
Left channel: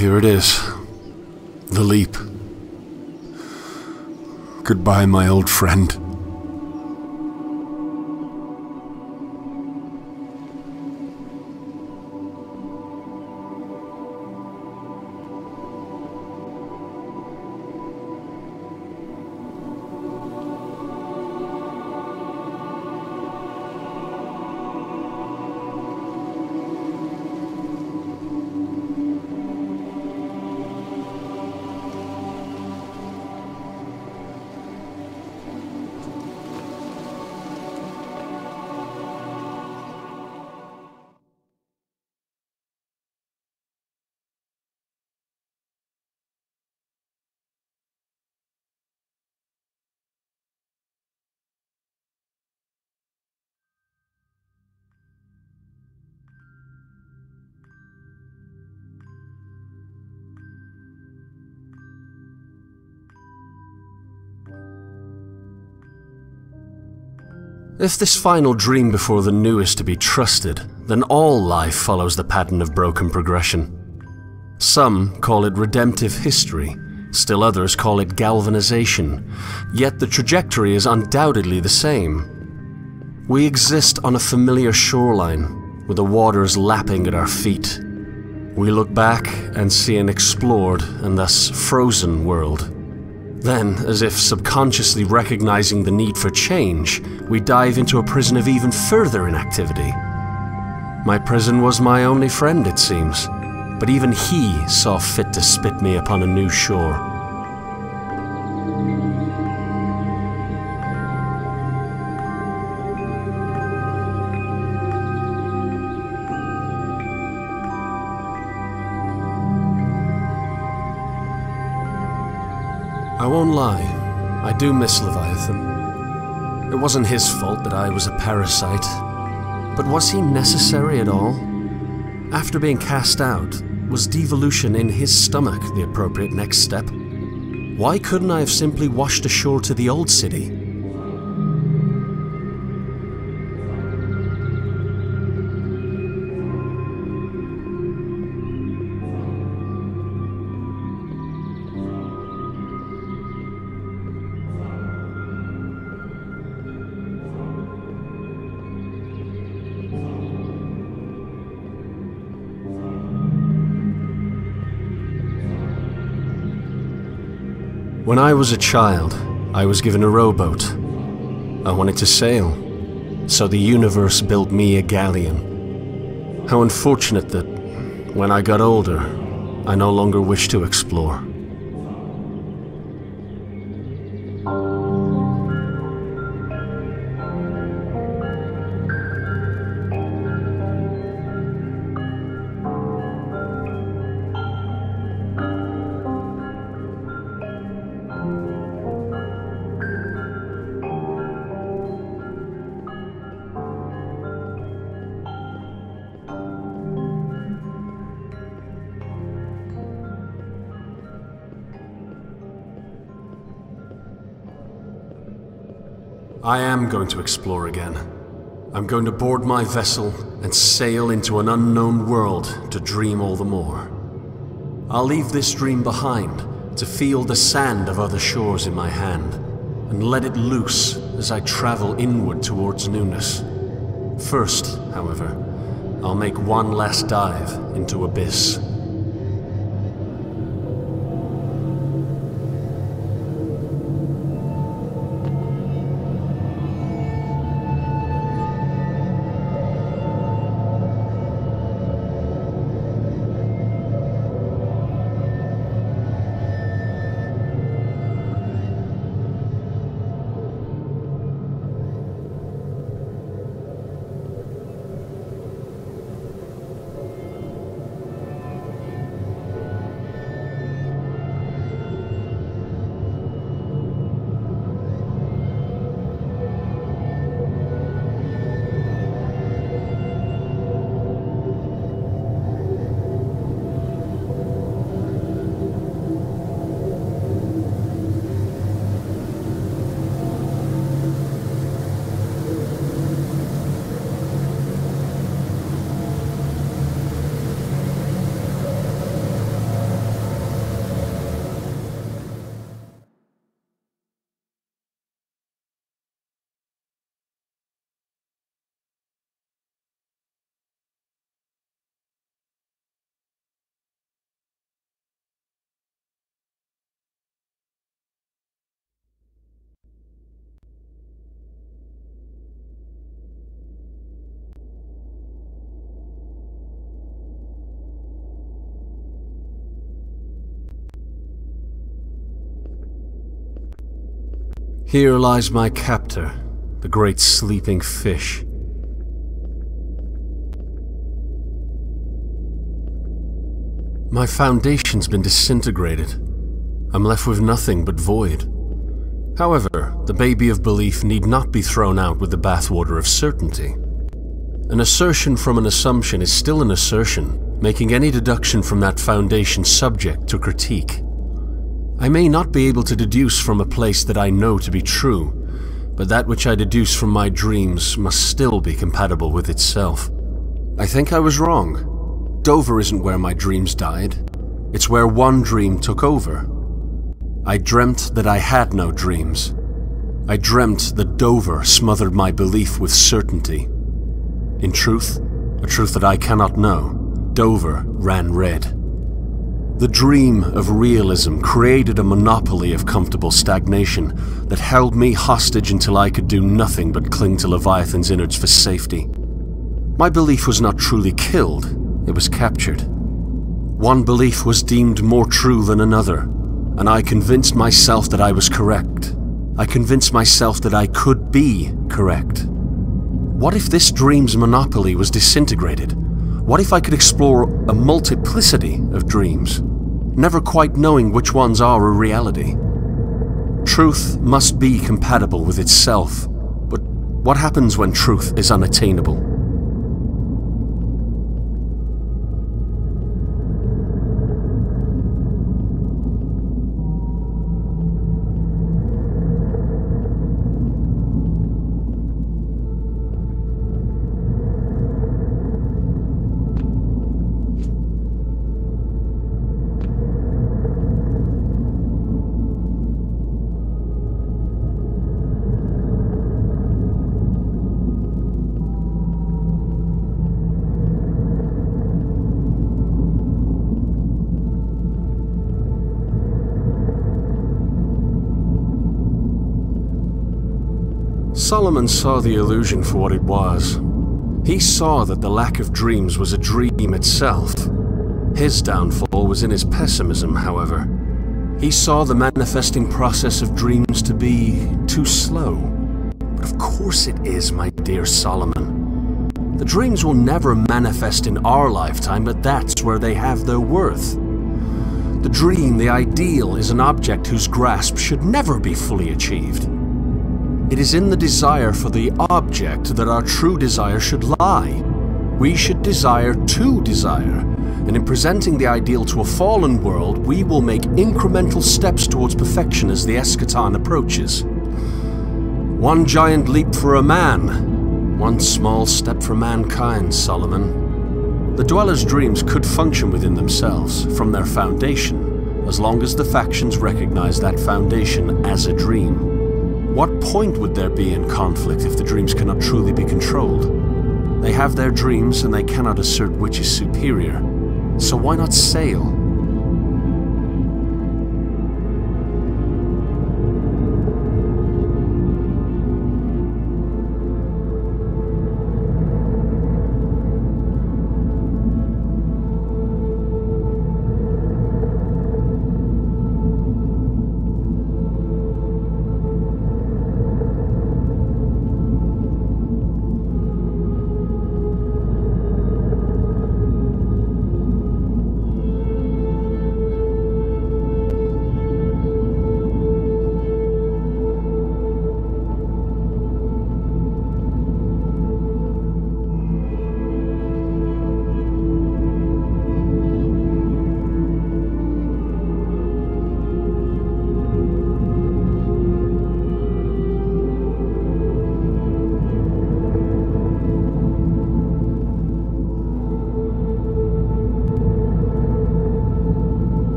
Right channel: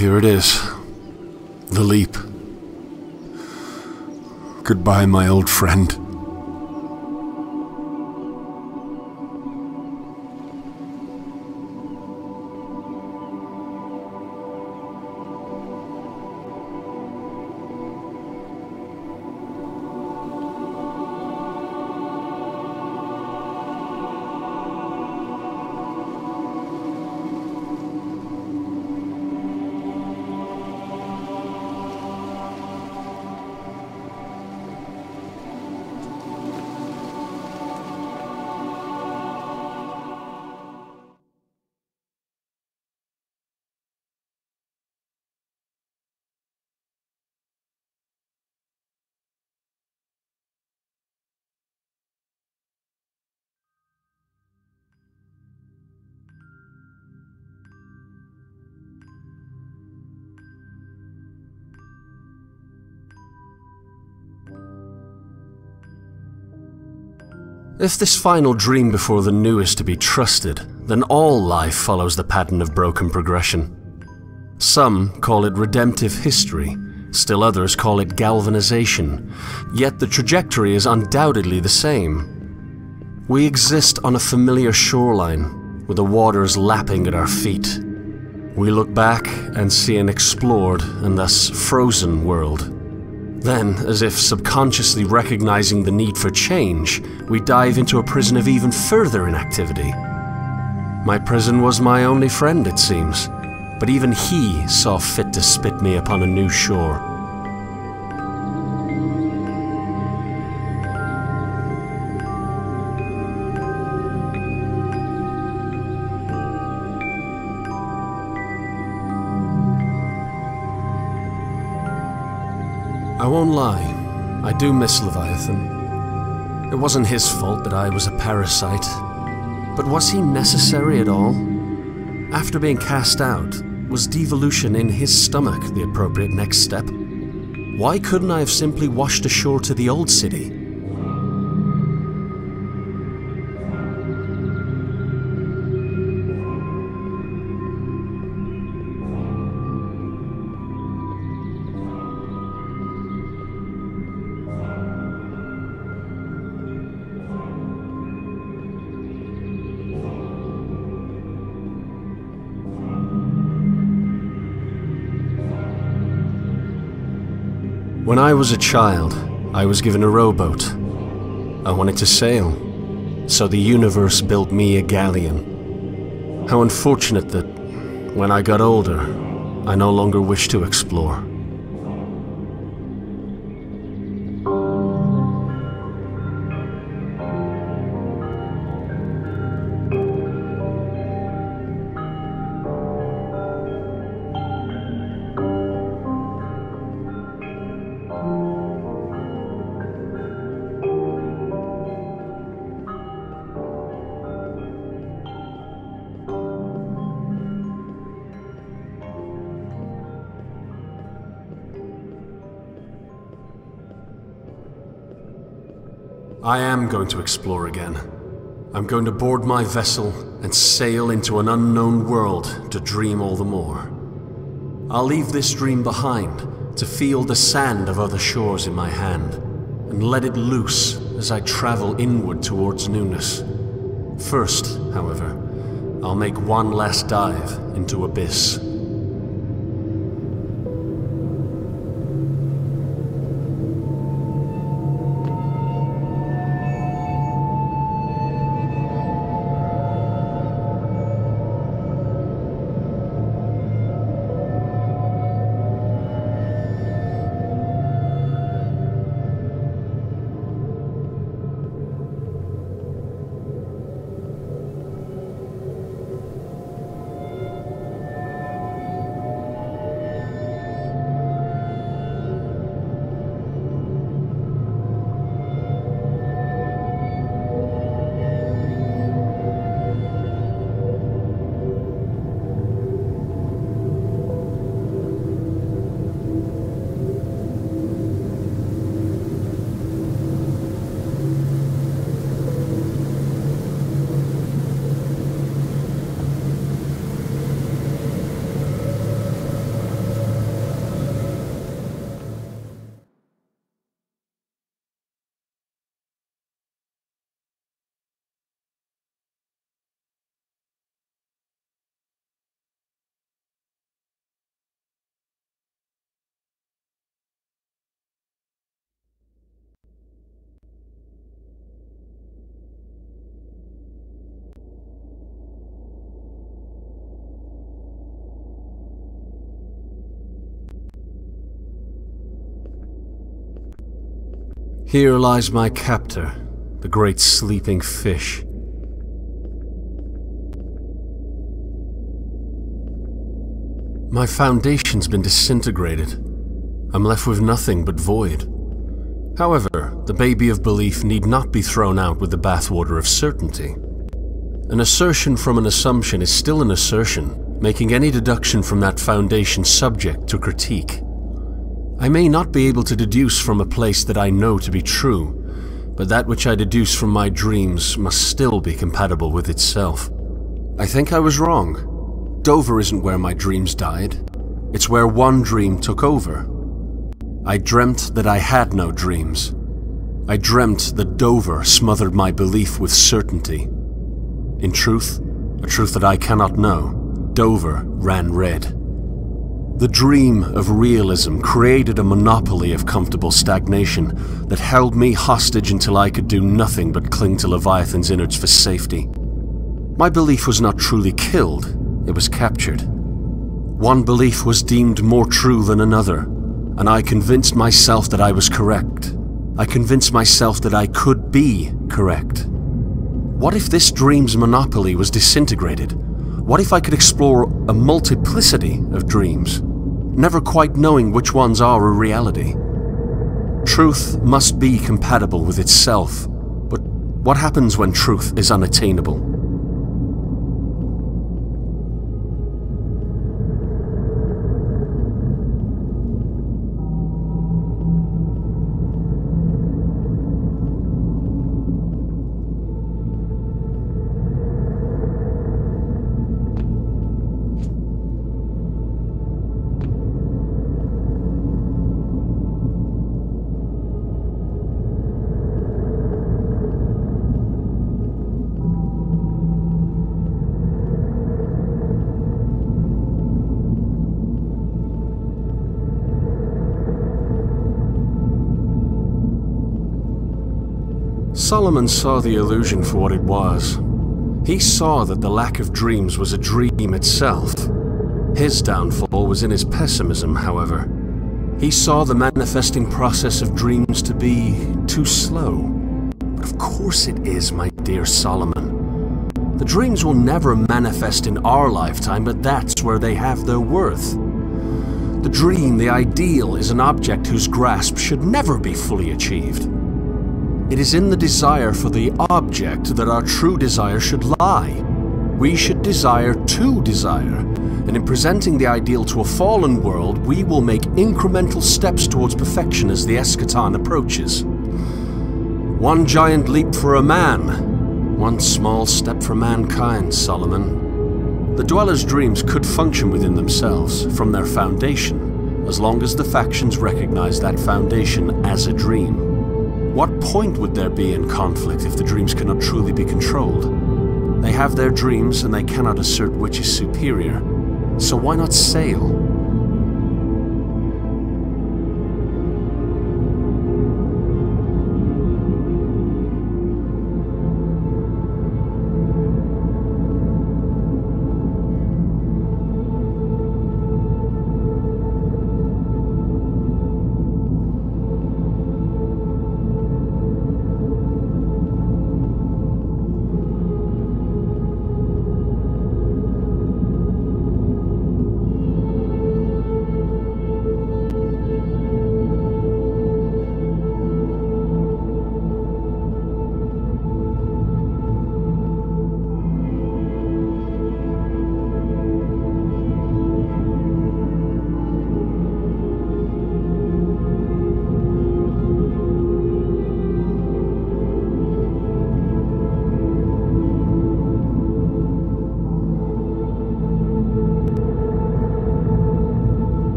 Here it is. The leap. Goodbye, my old friend. If this final dream before the new is to be trusted, then all life follows the pattern of broken progression. Some call it redemptive history, still others call it galvanization, yet the trajectory is undoubtedly the same. We exist on a familiar shoreline, with the waters lapping at our feet. We look back and see an explored and thus frozen world. Then, as if subconsciously recognizing the need for change, we dive into a prison of even further inactivity. My prison was my only friend, it seems, but even he saw fit to spit me upon a new shore. I won't lie, I do miss Leviathan. It wasn't his fault that I was a parasite. But was he necessary at all? After being cast out, was devolution in his stomach the appropriate next step? Why couldn't I have simply washed ashore to the Old City? When I was a child, I was given a rowboat. I wanted to sail, so the universe built me a galleon. How unfortunate that, when I got older, I no longer wished to explore. I am going to explore again. I'm going to board my vessel and sail into an unknown world to dream all the more. I'll leave this dream behind to feel the sand of other shores in my hand and let it loose as I travel inward towards newness. First, however, I'll make one last dive into Abyss. Here lies my captor, the great sleeping fish. My foundation's been disintegrated. I'm left with nothing but void. However, the baby of belief need not be thrown out with the bathwater of certainty. An assertion from an assumption is still an assertion, making any deduction from that foundation subject to critique. I may not be able to deduce from a place that I know to be true, but that which I deduce from my dreams must still be compatible with itself. I think I was wrong. Dover isn't where my dreams died. It's where one dream took over. I dreamt that I had no dreams. I dreamt that Dover smothered my belief with certainty. In truth, a truth that I cannot know, Dover ran red. The dream of realism created a monopoly of comfortable stagnation that held me hostage until I could do nothing but cling to Leviathan's innards for safety. My belief was not truly killed, it was captured. One belief was deemed more true than another, and I convinced myself that I was correct. I convinced myself that I could be correct. What if this dream's monopoly was disintegrated? What if I could explore a multiplicity of dreams, never quite knowing which ones are a reality? Truth must be compatible with itself, but what happens when truth is unattainable? Solomon saw the illusion for what it was. He saw that the lack of dreams was a dream itself. His downfall was in his pessimism, however. He saw the manifesting process of dreams to be too slow. But of course it is, my dear Solomon. The dreams will never manifest in our lifetime, but that's where they have their worth. The dream, the ideal, is an object whose grasp should never be fully achieved. It is in the desire for the object that our true desire should lie. We should desire to desire, and in presenting the ideal to a fallen world, we will make incremental steps towards perfection as the eschaton approaches. One giant leap for a man, one small step for mankind, Solomon. The Dweller's dreams could function within themselves, from their foundation, as long as the factions recognize that foundation as a dream. What point would there be in conflict if the dreams cannot truly be controlled? They have their dreams and they cannot assert which is superior. So why not sail?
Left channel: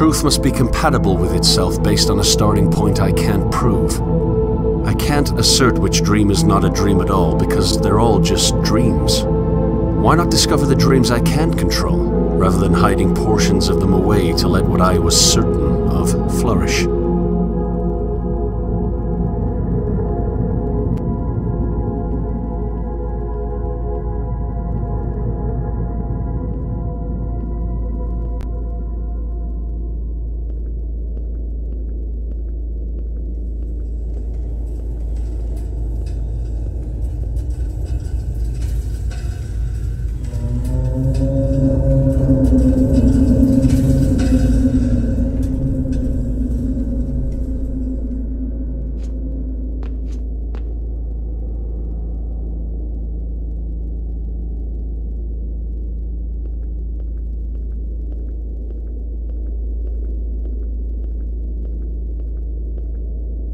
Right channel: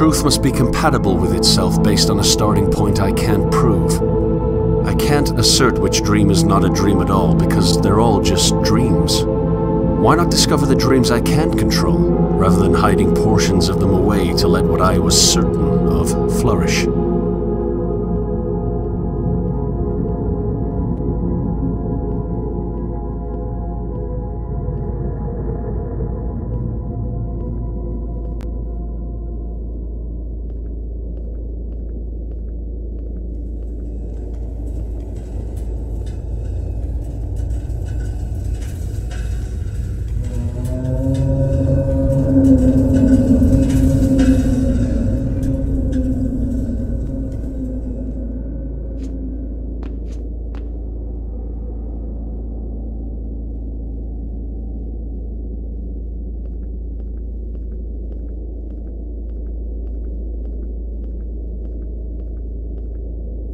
truth must be compatible with itself based on a starting point I can't prove. I can't assert which dream is not a dream at all, because they're all just dreams. Why not discover the dreams I can't control, rather than hiding portions of them away to let what I was certain of flourish?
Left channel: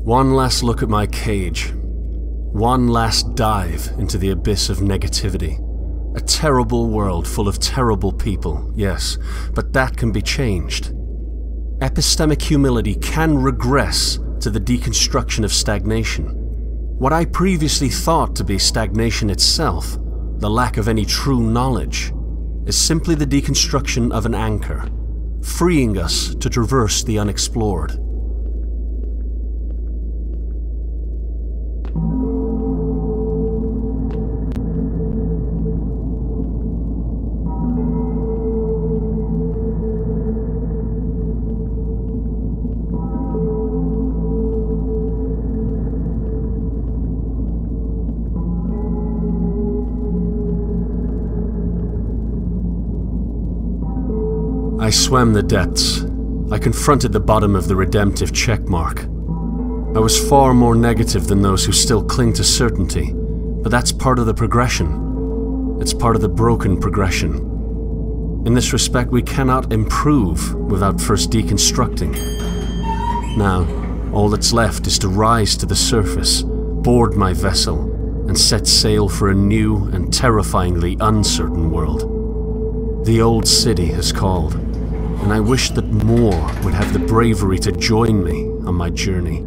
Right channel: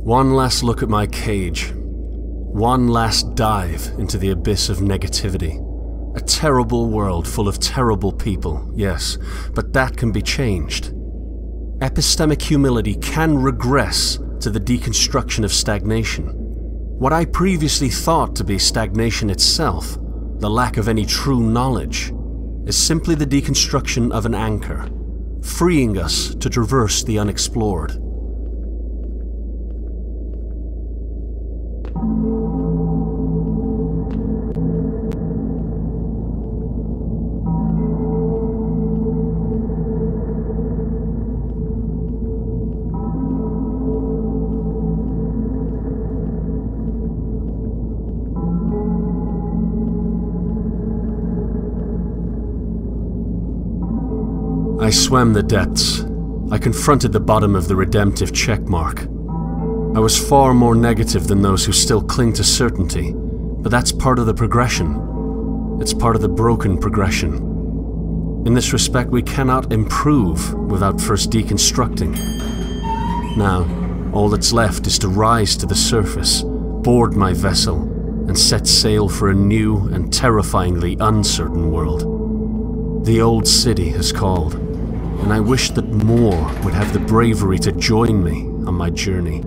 One last look at my cage. One last dive into the abyss of negativity. A terrible world full of terrible people, yes, but that can be changed. Epistemic humility can regress to the deconstruction of stagnation. What I previously thought to be stagnation itself, the lack of any true knowledge, is simply the deconstruction of an anchor, freeing us to traverse the unexplored. I swam the depths. I confronted the bottom of the redemptive checkmark. I was far more negative than those who still cling to certainty, but that's part of the progression. It's part of the broken progression. In this respect, we cannot improve without first deconstructing. Now, all that's left is to rise to the surface, board my vessel, and set sail for a new and terrifyingly uncertain world. The Old City has called, and I wish that more would have the bravery to join me on my journey.